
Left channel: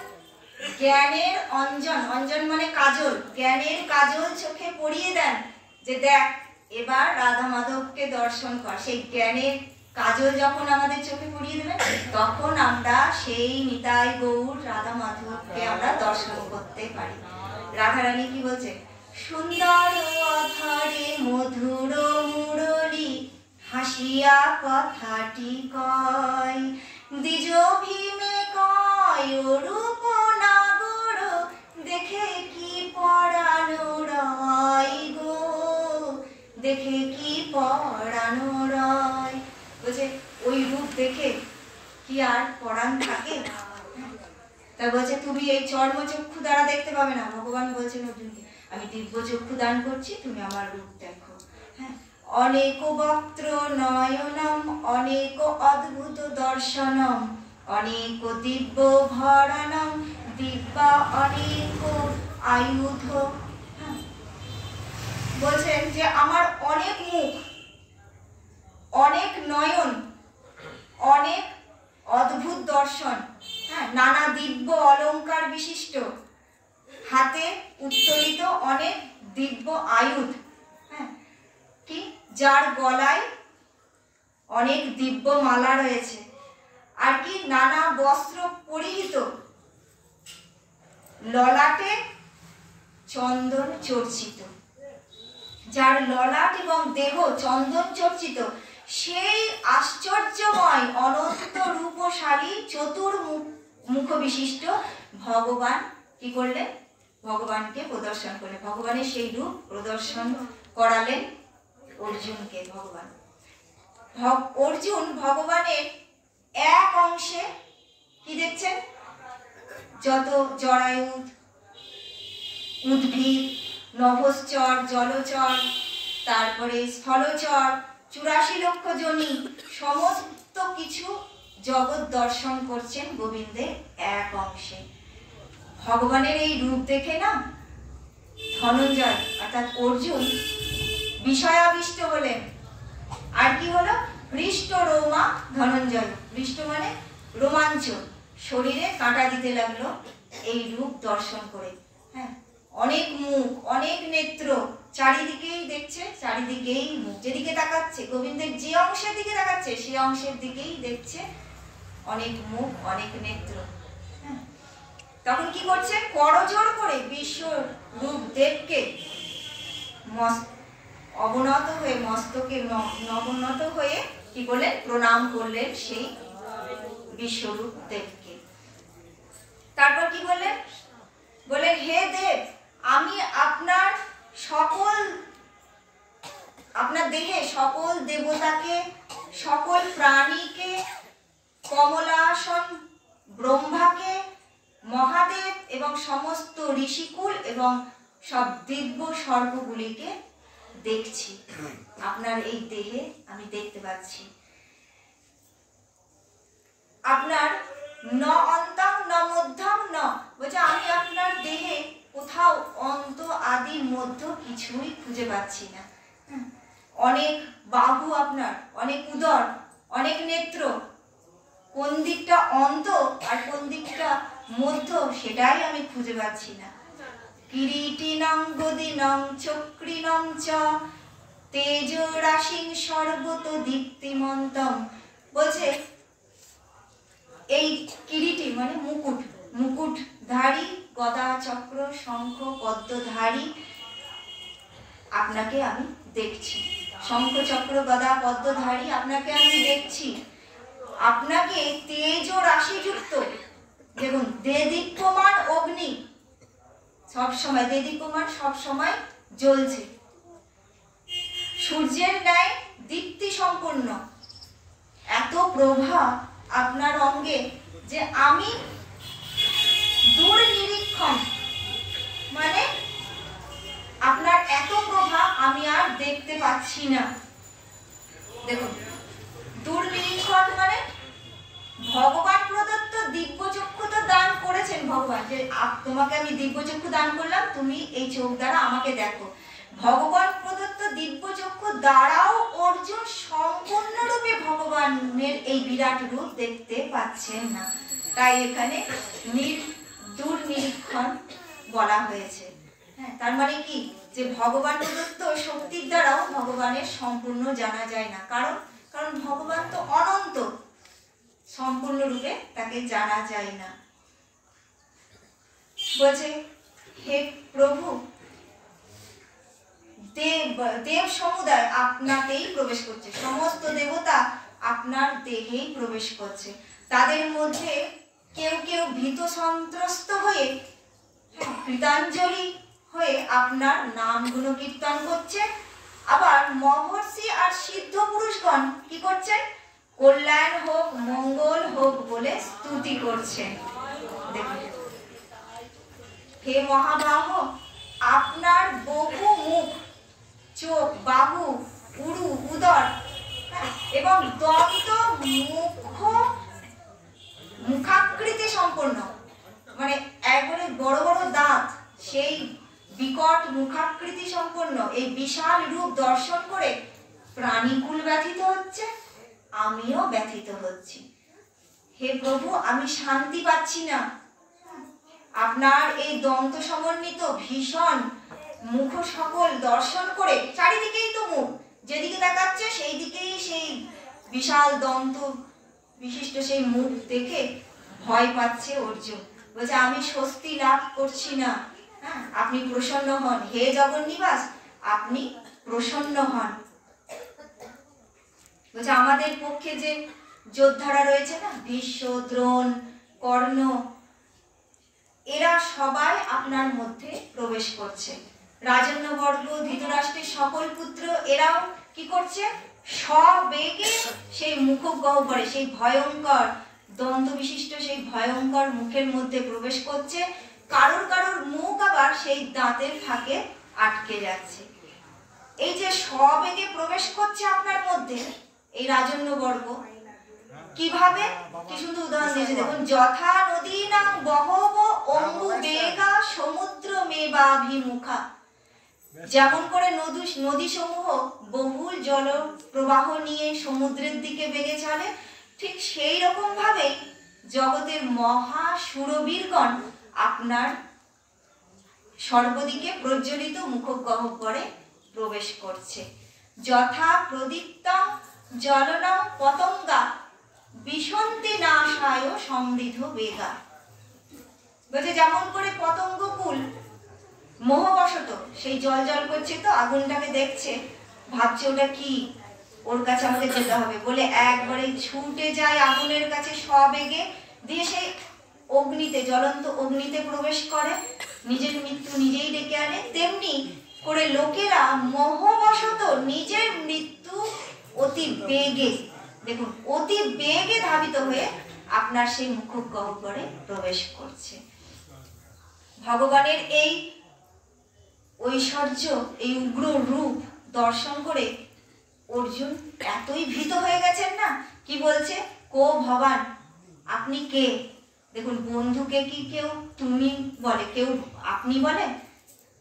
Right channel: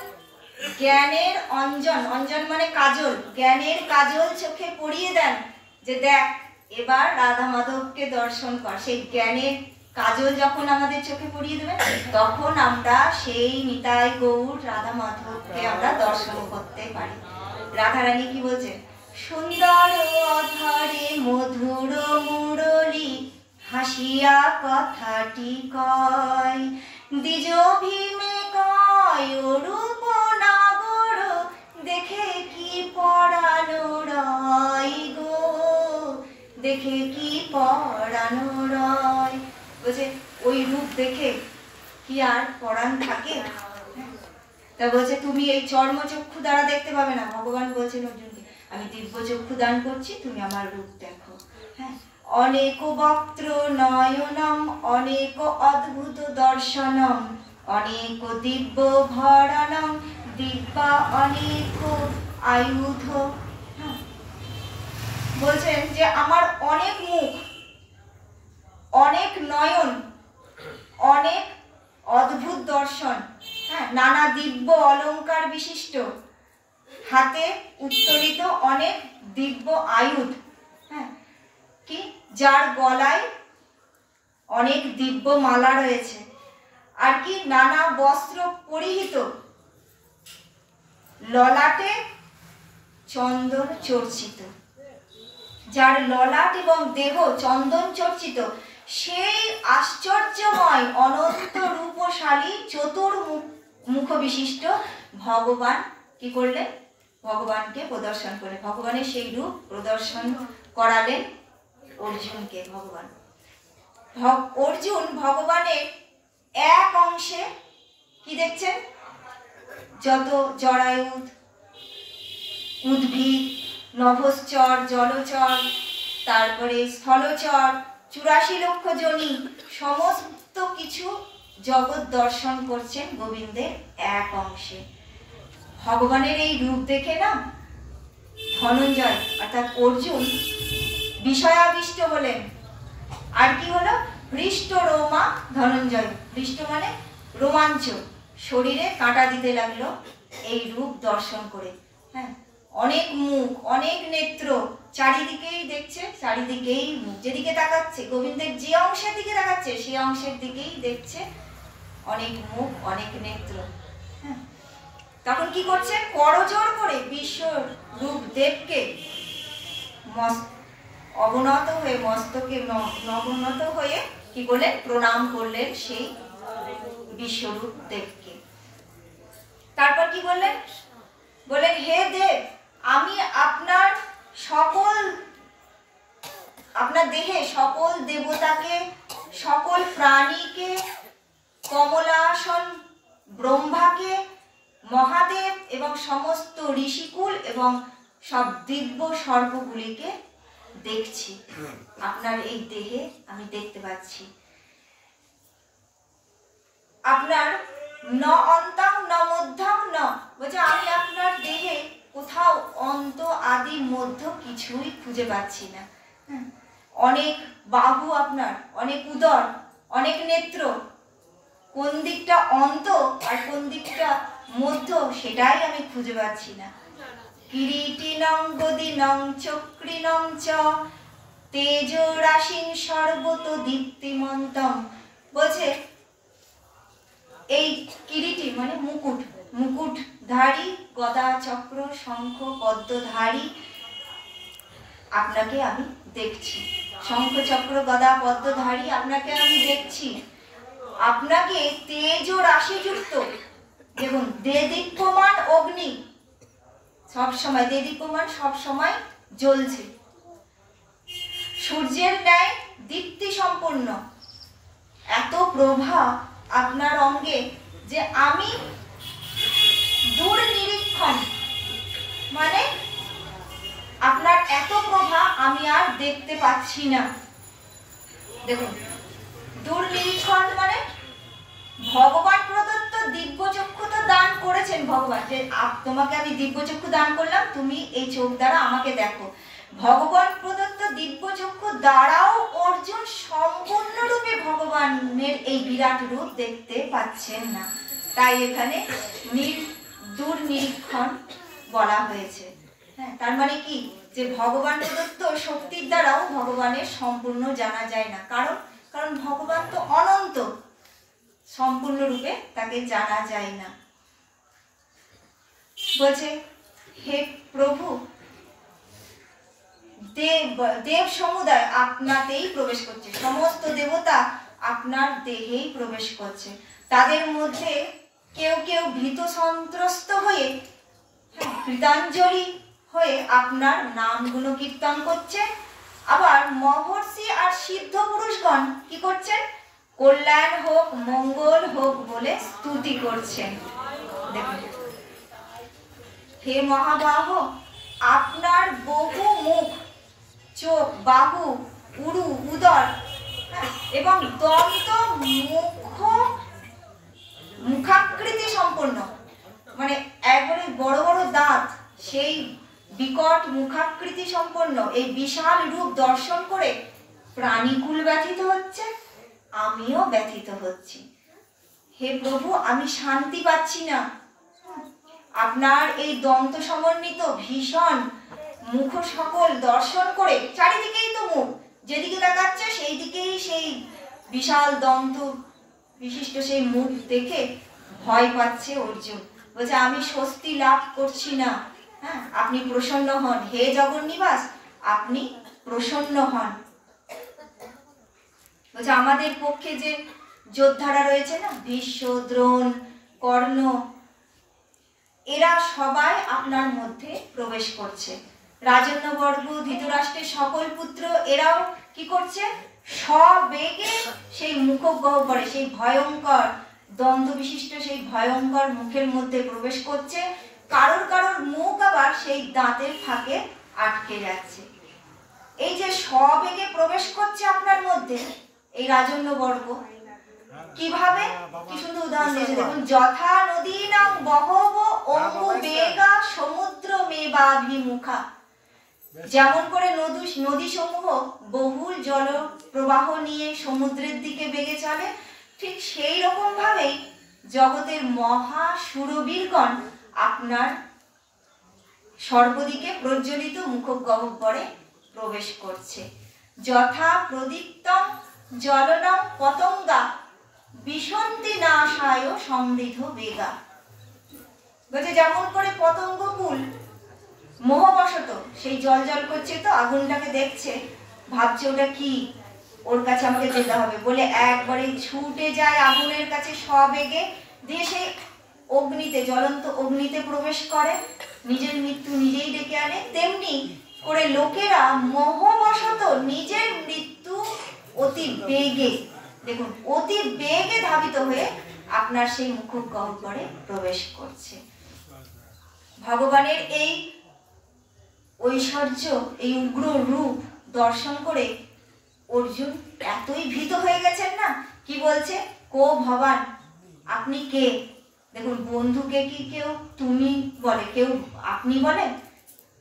জ্ঞানের অঞ্জন, অঞ্জন মানে কাজল, জ্ঞানের কাজল চোখে পরিয়ে দেন, যে দেখ এবার রাধা মাধবকে দর্শন কর। সেই জ্ঞানের কাজল যখন আমাদের চোখে পড়িয়ে দেবে তখন আমরা সেই নিতাই গৌর রাধা মাধবকে আমরা দর্শন করতে পারি। রাধারানী কি বলছে? সুন্দর অধরে মধুর মুরলী হাসিয়া কথাটি কয়, দ্বিজ ভীমে কয় রূপ নাগর দেখে কি পরানো রয় গো, দেখে কি পরানো রয়। বলছে ওই রূপ দেখে কি আর পরাণ থাকে? তা বলছে তুমি এই চর্মচক্ষু দ্বারা দেখতে পাবে না। ভগবান বলছেন অর্জুনকে আমি দিব্য চক্ষু দান করছি, তুমি আমার রূপ দেখো। হ্যাঁ, অনেক বক্ত্র নয়নম অনেক অদ্ভুত দর্শনম অনেক দিব্য ভরণম দিব্যা অনেক আয়ুধ। বলছেন যে আমার অনেক মুখ, অনেক নয়ন, অনেক অদ্ভুত দর্শন, হ্যাঁ, নানা দিব্য অলংকার বিশিষ্ট, হাতে উত্তোলিত অনেক দিব্য আয়ুধ, হ্যাঁ, কি যার গলায় অনেক দিব্য মালা রয়েছে, আর কি নানা বস্ত্র পরিহিত, ললাটে চন্দন চর্চিত, যার ললাট এবং দেহ চন্দন চর্চিত, সেই আশ্চর্যময় অনন্ত রূপশালী চতুর্মুখ বিশিষ্ট ভগবান কি করলেন? ভগবানকে প্রদর্শন করলেন। ভগবানের সেই রূপ প্রদর্শন করালেন অর্জুনকে। ভগবান অর্জুন ভগবানের এক অংশে কি দেখছেন? যত জরায়ুধ, উদ্ভিদ, নভশ্চর, জলচর, তারপরে স্থলচর, 84 লক্ষ জনি, সমস্ত কিছু জগৎ দর্শন করছেন গোবিন্দের এক অংশে। ভগবানের এই রূপ দেখে না ধনঞ্জয় অর্থাৎ অর্জুন বিষয়াবিষ্ট হলেন। আর কি হলো? হৃষ্ট রোমা ধনঞ্জয়। হৃষ্ট মানে রোমাঞ্চ, শরীরে কাঁটা দিতে লাগলো এই রূপ দর্শন করে। হ্যাঁ, অনেক মুখ, অনেক নেত্র, চারিদিকেই দেখছে, চারিদিকেই মুখ, যেদিকে তাকাচ্ছে গোবিন্দের যে অংশের দিকে তাকাচ্ছে সেই অংশের দিকেই দেখছে অনেক মুখ, অনেক নেত্র। হ্যাঁ, তখন কি করছে? করজোড় করে বিশ্ব রূপ দেবকে অবনত হয়ে, মস্তকে নবনত হয়ে কি করলেন? প্রণাম করলেন সেই বিশ্বরূপ দেবকে। তারপর কি বললেন? বললেন হে দেব, আমি আপনার দেহে সকল দেবতাকে, সকল প্রাণীকে, কমলাসন ব্রহ্মাকে, মহাদেব এবং সমস্ত ঋষিকুল এবং সব দিব্য সর্বগুলিকে দেখছি। আপনার এই দেহে আমি দেখতে পাচ্ছি। আপনার ন অন্তং ন মধ্যং ন, বলছে আমি আপনার দেহে কোথাও অন্ত আদি মধ্য কিছুই খুঁজে পাচ্ছি না। অনেক বাহু আপনার, অনেক উদর, অনেক নেত্র, কোন দিকটা অন্ত আর কোন দিকটা মধ্য সেটাই আমি খুঁজে পাচ্ছি না। কিরীটিনং গদিনং চক্রিনং চ তেজরাশিং সর্বত দীপ্তিমন্তম। বলছে এই কিরীটি মানে মুকুট, মুকুটধারী, গদা চক্র শঙ্খ পদ্মধারী আপনাকে আমি দেখছি। শঙ্খ চক্র গদা পদ্মধারী আপনাকে আমি দেখছি। আপনাকে তেজ রাশিযুক্ত, দেখুন দেদীপ্যমান অগ্নি, সব সময় দেদীপ্যমান, সব সময় জ্বলছে, সূর্যের ন্যায় দীপ্তি সম্পন্ন, এত প্রভা আপনার অঙ্গে যে আমি দূর নিরীক্ষণ, মানে আপনার এত প্রভা আমি আর দেখতে পাচ্ছি না। দেখুন দূর নিরীক্ষণ মানে ভগবান প্রদত্ত দিব্য চক্ষু তো দান করেছেন ভগবান, যে তোমাকে আমি দিব্য চক্ষু দান করলাম, তুমি এই চোখ দ্বারা আমাকে দেখো। ভগবান প্রদত্ত দিব্য চক্ষু দ্বারাও অর্জুন সম্পূর্ণরূপে ভগবানের এই বিরাট রূপ দেখতে পাচ্ছেন না, তাই এখানে দূর নিরীক্ষণ বলা হয়েছে। হ্যাঁ, তার মানে কি যে ভগবান প্রদত্ত শক্তির দ্বারাও ভগবানের সম্পূর্ণ জানা যায় না, কারণ কারণ ভগবান তো অনন্ত, সম্পূর্ণরূপে তাকে জানা যায় না। বলছে হে প্রভু, দেব সমুদায় আপনাতেই প্রবেশ করছে, সমস্ত দেবতা আপনার দেহেই প্রবেশ করছে। তাদের মধ্যে কেউ কেউ ভীত সন্ত্রস্ত হয়ে কৃতাঞ্জলি হয়ে আপনার নামগুলো কীর্তন করছে, আবার মহর্ষি আর সিদ্ধ পুরুষগণ কি করছেন? কল্যাণ হোক, মঙ্গল হোক বলে স্তুতি করছেন। দেখুন, হে মহাবাহ, আপনার বহু মুখ, চোখ, বাহু, উরু, উদর এবং দন্ত মুখাকৃতি সম্পন্ন, মানে একবারে বড় বড় দাঁত, সেই বিকট মুখাকৃতি সম্পন্ন এই বিশাল রূপ দর্শন করে প্রাণীকুল ব্যথিত হচ্ছে, আমিও ব্যথিত হচ্ছি। হে প্রভু, আমি শান্তি পাচ্ছি না। আপনার এই দন্ত সমন্বিত ভীষণ মুখ সকল দর্শন করে, চারিদিকেই তো মুখ, যেদিকে তাকাচ্ছে সেই দিকেই সেই বিশাল দন্ত বিশিষ্ট সেই মুখ দেখে ভয় পাচ্ছে অর্জুন। বলছে আমি স্বস্তি লাভ করছি না। হ্যাঁ, আপনি প্রসন্ন হন, হে জগন্নিবাস, আপনি প্রসন্ন হন। বলছে আমাদের পক্ষে যে যোদ্ধারা রয়েছে না, ভীষ্ম, দ্রোণ, কর্ণ, এরা সবাই আপনার মধ্যে প্রবেশ করছে। রাজন্যবর্গ, ধৃতরাষ্ট্রের সকল পুত্র, এরাও কি করছে? সবেগে সেই মুখগহ্বরে, সেই ভয়ঙ্কর দন্ত বিশিষ্ট সেই ভয়ঙ্কর মুখের মধ্যে প্রবেশ করছে। কারোর কারোর মুখ আবার সেই দাঁতের ফাঁকে আটকে যাচ্ছে। এই যে সবেগে প্রবেশ করছে আপনার মধ্যে এই রাজন্যবর্গ, কিভাবে? কি সুন্দর উদাহরণ দিয়েছে দেখুন, যথা নদীনাং বহব অম্বু বেগা সমুদ্র মেবাভিমুখা। যেমন করে নদী সমূহ বহুল জল প্রবাহ নিয়ে সমুদ্রের দিকে বেগে চলে, ঠিক সেই রকম ভাবেই জগতের মহা সুরবীরগণ আপনার সর্বদিকে প্রজ্বলিত মুখগহ্বরে প্রবেশ করছে। যথা প্রদীপ্তং জলনং পতঙ্গা বিশন্তি নাশায় সমৃদ্ধ বেগা। বলছে যেমন করে পতঙ্গ ফুল মোহবশত সেই জল জল করছে, তো আগুনটাকে দেখছে, ভাবছে ওটা কি, ওর কাছে আমাকে যেতে হবে বলে একবারে ছুটে যায় আগুনের কাছে সবেগে, দিয়ে সেই অগ্নিতে, জ্বলন্ত অগ্নিতে প্রবেশ করে, নিজের মৃত্যু নিজেই ডেকে আনে। তেমনি করে লোকেরা মোহবশত নিজের মৃত্যু অতি বেগে, দেখুন অতি বেগে ধাবিত হয়ে আপনার সেই মুখগহ্বরে প্রবেশ করছে। ভগবানের এই ঐশ্বর্য, এই উগ্র রূপ দর্শন করে অর্জুন এতই ভীত হয়ে গেছেন না, কি বলছে? কো ভবান, আপনি কে? দেখুন, বন্ধুকে কি কেউ তুমি বলে, কেউ আপনি বলে?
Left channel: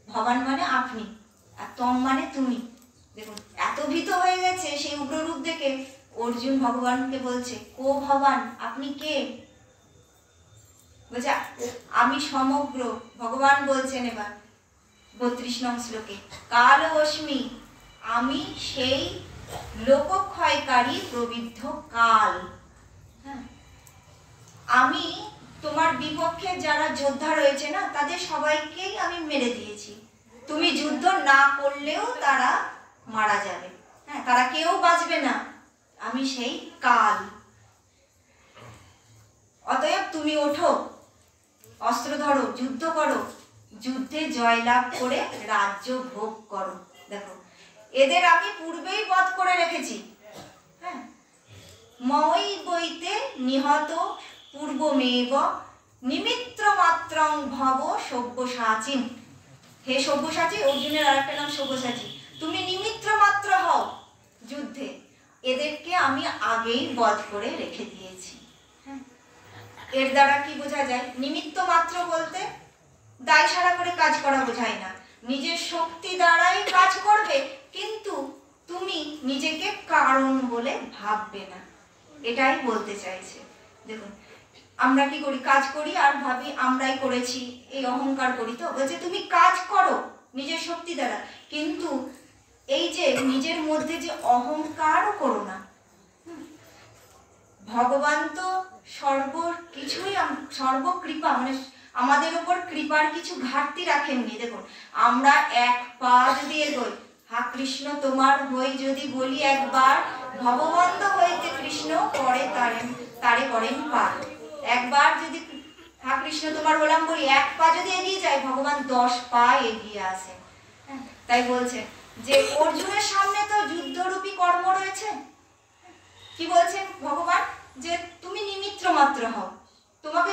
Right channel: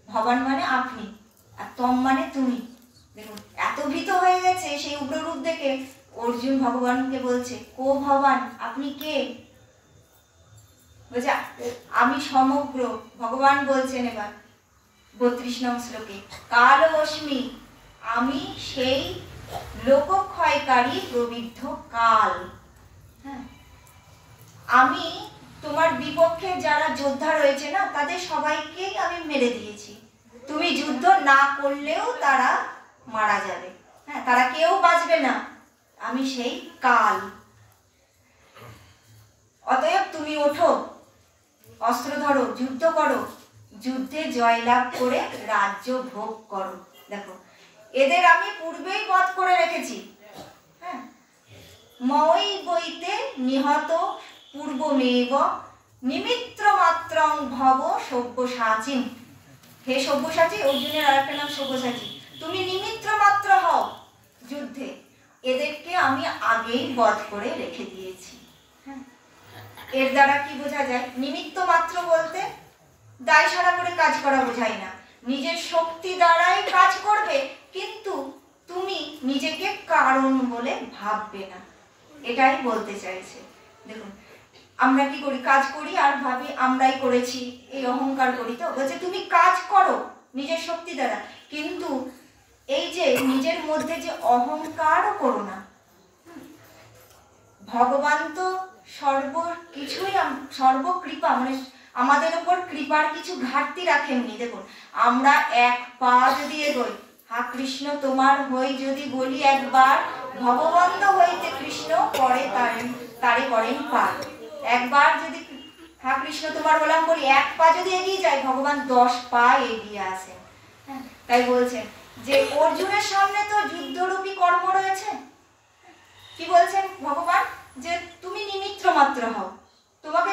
ভবান মানে আপনি, আর তম মানে তুমি। দেখুন, এত ভীত হয়ে গেছে সেই উগ্র রূপ দেখে অর্জুন ভগবানকে বলছে, কো ভবান, আপনি কে? বলছে আমি সমগ্র। ভগবান বলছেন এবার 32 নং শ্লোকে, কালবস্মি, আমি সেই লোকক্ষয়কারী প্রবিদ্ধ কাল। হ্যাঁ, আমি তোমার বিপক্ষে যারা যোদ্ধা রয়েছে না, তাদের সবাইকেই আমি মেরে দিয়েছি। তুমি যুদ্ধ না করলেও তারা মারা যাবে। হ্যাঁ, তারা কেউ বাঁচবে না। আমি সেই কাল। অতএব তুমি ওঠো, অস্ত্র ধরো, যুদ্ধ করো, যুদ্ধে জয়লাভ করে রাজ্য ভোগ করো। দেখো, এদের আমি পূর্বেই বধ করে রেখেছি। হ্যাঁ, মই বইতে নিহত পূর্বমেব নিমিত্র মাত্রং ভব সব্যসাচী। হে সব্যসাচী, অর্জুনের আরেকটা নাম সব্যসাচী, তুমি নিমিত্র মাত্র হও যুদ্ধে, এদেরকে আমি আগেই বধ করে রেখে দিয়েছি। হ্যাঁ, এর দ্বারা কি বোঝা যায়? নিমিত্ত মাত্র বলতে দায় সারা করে কাজ করা বোঝায় না, নিজের শক্তি দ্বারাই কাজ করবে, কিন্তু তুমি নিজেকে কারণ বলে ভাববে না, এটাই বলতে চাইছে। দেখুন, আমরা কি করি? কাজ করি আর ভাবি আমরাই করেছি, এই অহংকার করি। তো বলছে তুমি কাজ করো, নিজের শক্তি দ্বারা, কিন্তু এই যে নিজের মধ্যে যে অহংকার করো না। ভগবান তো সর্বকিছুই সর্বকৃপা, মানে আমাদের উপর কৃপার কিছু ঘাটতি রাখেননি। দেখুন, আমরা এক পা যদি এগোই, হা কৃষ্ণ তোমার হই যদি বলি একবার, ভগবন্ত হইতে কৃষ্ণ পরে তারে করেন পার। একবার যদি হা কৃষ্ণ তোমার বললাম বলি, এক পা যদি এগিয়ে যায়, ভগবান 10 পা এগিয়ে আসেন। তাই বলছেন যে অর্জুনের সামনে তো যুদ্ধরূপী কর্ম রয়েছে। কি বলছেন ভগবান? যে তুমি নিমিত্র মাত্র হও, তোমাকে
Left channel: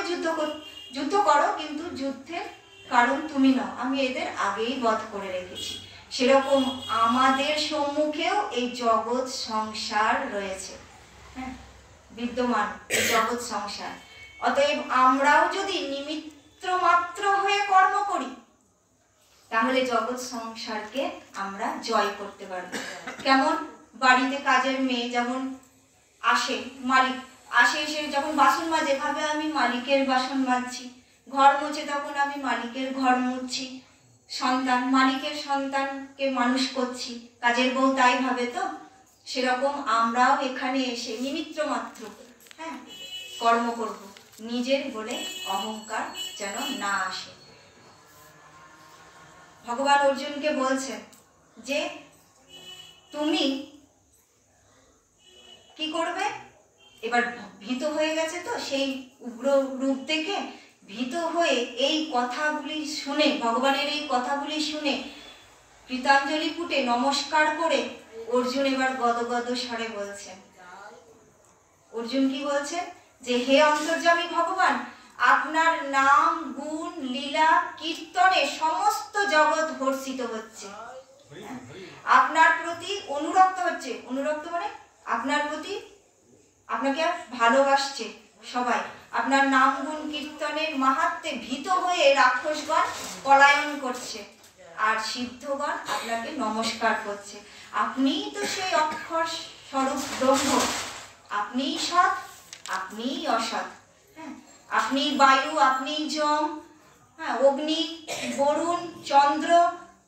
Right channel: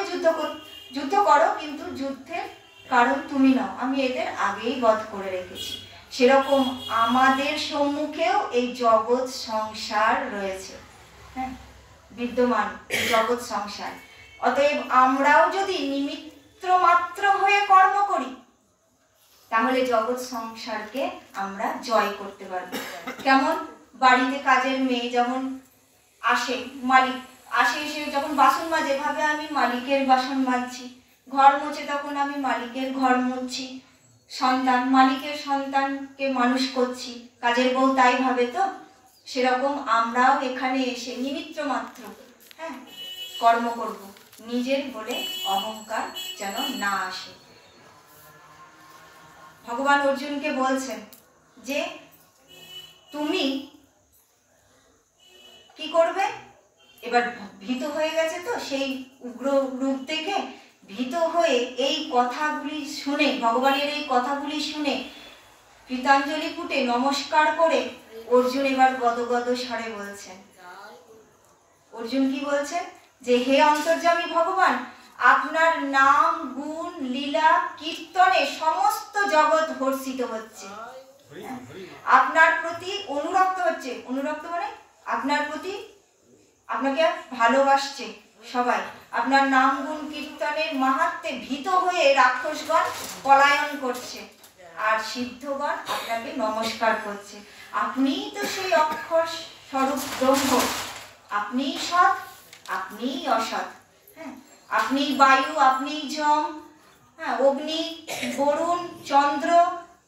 যুদ্ধ করো, কিন্তু যুদ্ধের কারণ তুমি নও, আমি এদের আগেই বধ করে রেখেছি। সেরকম আমাদের সম্মুখেও এই জগৎ সংসার রয়েছে, হ্যাঁ, বিদ্যমান জগৎ সংসার। অতএব আমরাও যদি নিমিত্র মাত্র হয়ে কর্ম করি, তাহলে জগৎ সংসারকে আমরা জয় করতে পারবো। কেমন? বাড়িতে কাজের মেয়ে যেমন আসে, মালিক আসে, এসে যখন বাসন মাজে, ভাবে আমি মালিকের বাসন মাজছি। ঘর মুছে, তখন আমি মালিকের ঘর মুছছি। সন্তান, মালিকের সন্তানকে মানুষ করছি, কাজের বউ তাই ভাবে। তো সেরকম আমরাও এখানে এসে নিমিত্র মাত্র, হ্যাঁ, কর্ম করব, নিজের বলে অহংকার যেন না আসে। ভগবান অর্জুনকে বলছেন যে তুমি কি করবে? এবার ভীত হয়ে গেছে, তো সেই উগ্র রূপ দেখে ভীত হয়ে এই কথাগুলি শুনে, ভগবানের এই কথাগুলি শুনে কৃতাঞ্জলি ফুটে নমস্কার করে অর্জুন এবার গদগদ স্বরে বলছেন। অর্জুন কি বলছেন? যে হে অন্তর্যামী ভগবান, আপনার নাম, গুণ, লীলা, কীর্তনে সমস্ত জগৎ হর্ষিত হচ্ছে, আপনার প্রতি অনুরক্ত হচ্ছে। অনুরক্ত মানে আপনার প্রতি, আপনাকে ভালোবাসছে সবাই। আপনার নাম, গুণ, কীর্তনের মাহাত্ম্যে ভীত হয়ে রাক্ষসগণ পলায়ন করছে, আর সিদ্ধগণ আপনাকে নমস্কার করছে। আপনিই তো সেই অক্ষর স্বরূপ ব্রহ্ম, আপনিই সৎ, আপনিই অসৎ, হ্যাঁ, আপনি বায়ু, আপনি যম, হ্যাঁ, অগ্নি, বরুণ, চন্দ্র,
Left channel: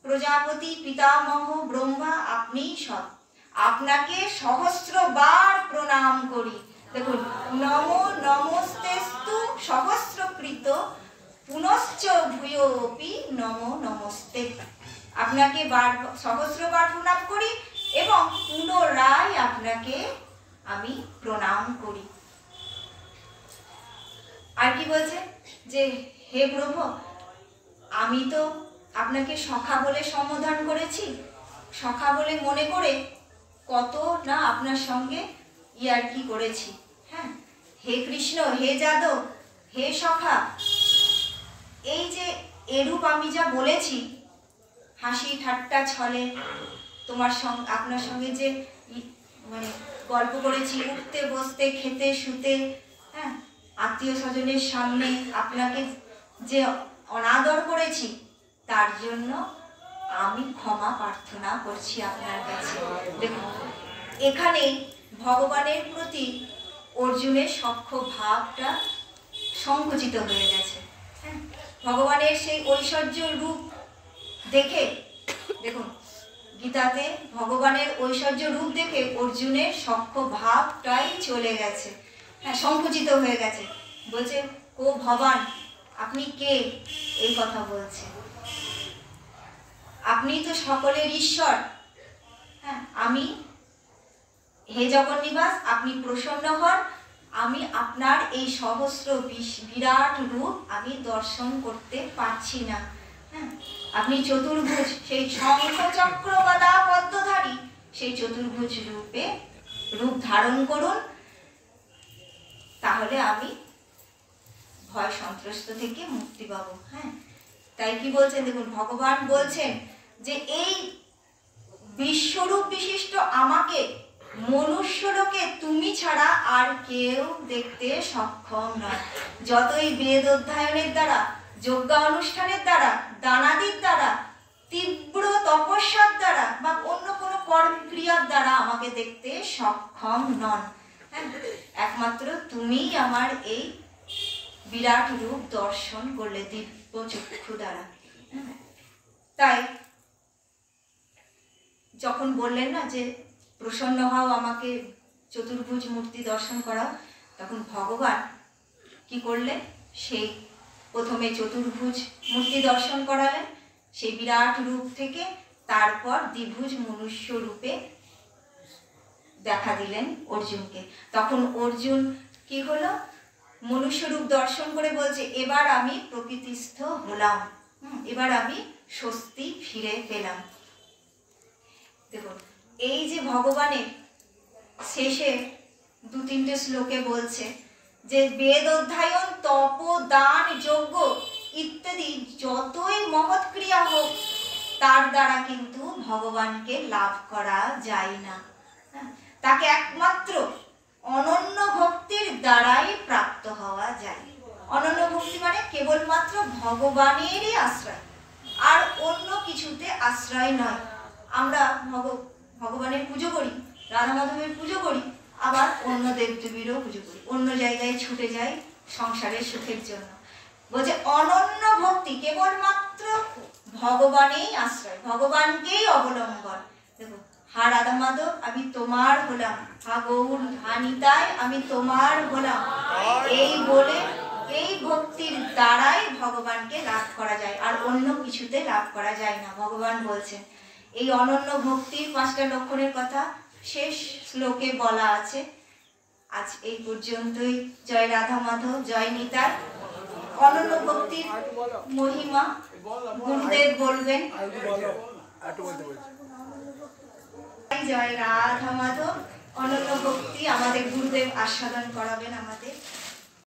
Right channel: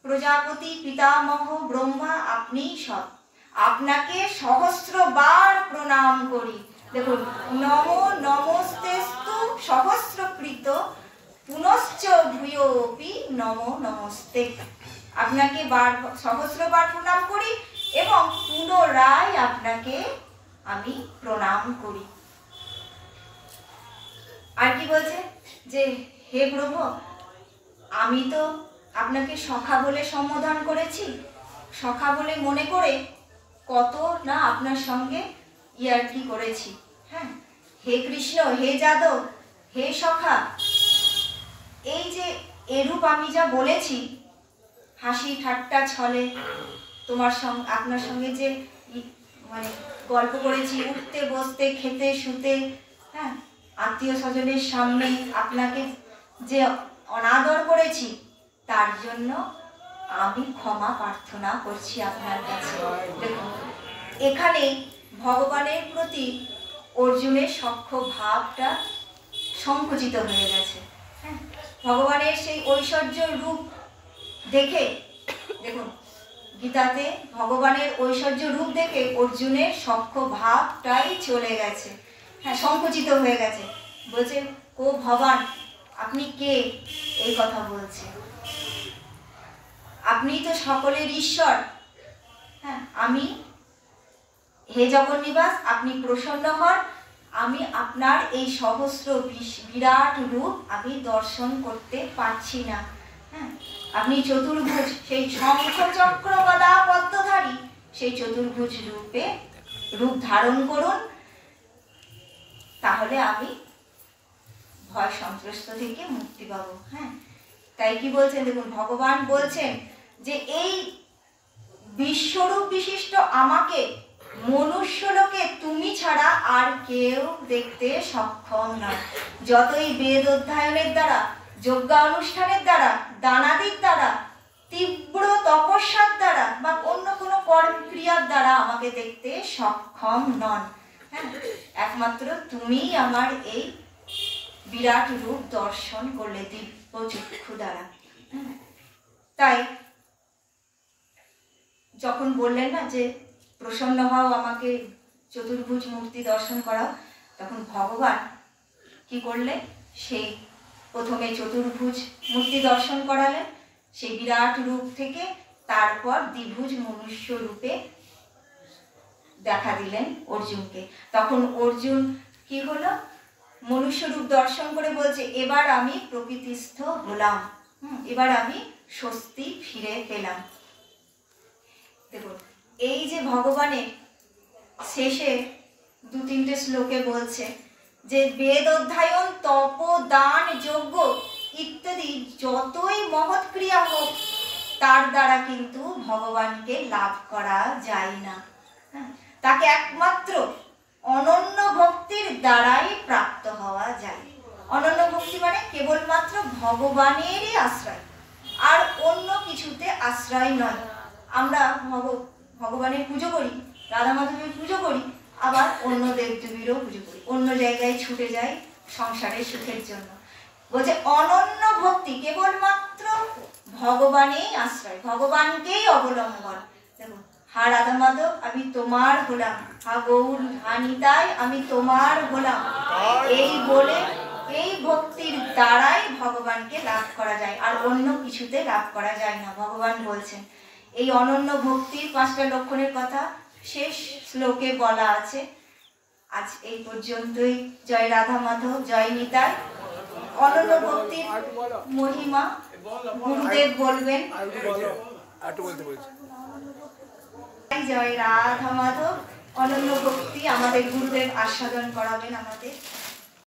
প্রজাপতি, পিতামহ ব্রহ্মা, আপনিই সৎ। আপনাকে সহস্রবার প্রণাম করি। দেখুন, নমো নমস্তেস্তু সহস্রকৃত পুনশ্চ ভূয়োপি নমো নমস্তে। আপনাকে সহস্রবার প্রণাম করি এবং পুনরায় আপনাকে আমি প্রণাম করি। আর কি বলছে? যে হে প্রভু, আমি তো আপনাকে সখা বলে সম্বোধন করেছি, সখা বলে মনে করে কত না আপনার সঙ্গে ইয়ার্কি করেছি, হ্যাঁ, হে কৃষ্ণ, হে যাদব, হে সখা, এই যে এরূপ আমি যা বলেছি, হাসি ঠাট্টা ছলে তোমার সঙ্গে, আপনার সঙ্গে যে মানে গল্প করেছি, উঠতে বসতে, খেতে শুতে, হ্যাঁ, আত্মীয় স্বজনের সামনে আপনাকে যে অনাদর করেছি, তার জন্য আমি ক্ষমা প্রার্থনা করছি আপনার কাছে। দেখুন, এখানে ভগবানের প্রতি অর্জুনের সখ্য ভাবটা সংকুচিত হয়ে গেছে, হ্যাঁ, ভগবানের সেই ঐশ্বর্য রূপ দেখে, দেখুন গীতাতে ভগবানের ঐশ্বর্য রূপ দেখে অর্জুনের সখ্য ভাবটাই চলে গেছে, হ্যাঁ, সংকুচিত হয়ে গেছে। বলছে, ও ভগবান, আপনি কে? এই কথা বলছে, আপনি তো সকলের ঈশ্বর, হ্যাঁ, আমি, হে জগন্নিবাস, আপনি প্রসন্ন হন, আমি আপনার এই সহস্র বিরাট রূপ আমি দর্শন করতে পারছি না, হ্যাঁ, আপনি চতুর্ভুজ, সেই শঙ্খ চক্র গদা পদ্মধারী সেই চতুর্ভুজ রূপ ধারণ করুন, তাহলে আমি ভয় সন্ত্রস্ত থেকে মুক্তি পাবো। হ্যাঁ, তাই কি বলছেন? দেখুন, ভগবান বলছেন যে এই বিশ্বরূপ বিশিষ্ট আমাকে মনুষ্যলোকে তুমি ছাড়া আর কেউ দেখতে সক্ষম নয়। যতই বেদ অধ্যয়নের দ্বারা, যজ্ঞানুষ্ঠানের দ্বারা, দানাদির দ্বারা, তীব্র তপস্যার দ্বারা বা অন্য কোনো কর্মক্রিয়ার দ্বারা আমাকে দেখতে সক্ষম নন, হ্যাঁ, একমাত্র তুমিই আমার এই বিরাট রূপ দর্শন করলে দিব্য চক্ষু দ্বারা। তাই যখন বললেন না যে প্রসন্ন হও, আমাকে চতুর্ভুজ মূর্তি দর্শন করাও, তখন ভগবান কি করলেন? সেই প্রথমে চতুর্ভুজ মূর্তি দর্শন করালেন সেই বিরাট রূপ থেকে, তারপর দ্বিভুজ মনুষ্য রূপে দেখা দিলেন অর্জুনকে। তখন অর্জুন কি হলো? মনুষ্য রূপ দর্শন করে বলছে, এবার আমি প্রকৃতিস্থ হলাম, এবার আমি স্বস্তি ফিরে পেলাম। দেখুন, এই যে ভগবানের শেষে 2-3টে শ্লোকে বলছে যে বেদ অধ্যয়ন, তপ, দান, যজ্ঞ ইত্যাদি যতই মহৎ ক্রিয়া হোক, তার দ্বারা কিন্তু ভগবানকে লাভ করা যায় না। তাকে একমাত্র অনন্য ভক্তির দ্বারাই প্রাপ্ত হওয়া যায়। অনন্য ভক্তি মানে কেবলমাত্র ভগবানেরই আশ্রয়, আর অন্য কিছুতে আশ্রয় নয়। আমরা ভগবানের পুজো করি, রাধা মাধবের পুজো করি, আবার অন্য দেবদেবীরও পুজো করি, অন্য জায়গায় ছুটে যাই সংসারের সুখের জন্য। বলছে অনন্য ভক্তি কেবলমাত্র ভগবানেই আশ্রয়, ভগবানকেই অবলম্বন। দেখুন, হা রাধা মাধব আমি তোমার হলাম, হা গৌর হা নিতাই আমি তোমার হলাম, এই বলে এই ভক্তির দ্বারাই ভগবানকে লাভ করা যায়, আর অন্য কিছুতে লাভ করা যায় না। ভগবান বলছেন এই অনন্য ভক্তির 5টা লক্ষণের কথা শেষ শ্লোকে বলা আছে। আজ এই পর্যন্তই। জয় রাধা মাধব, জয় নিতাই। অনন্য ভক্তির মহিমা গুরুদেব বলবেন। জয় রাধা মাধব। অনন্য ভক্তি আমাদের গুরুদেব আস্বাদন করাবেন আমাদের।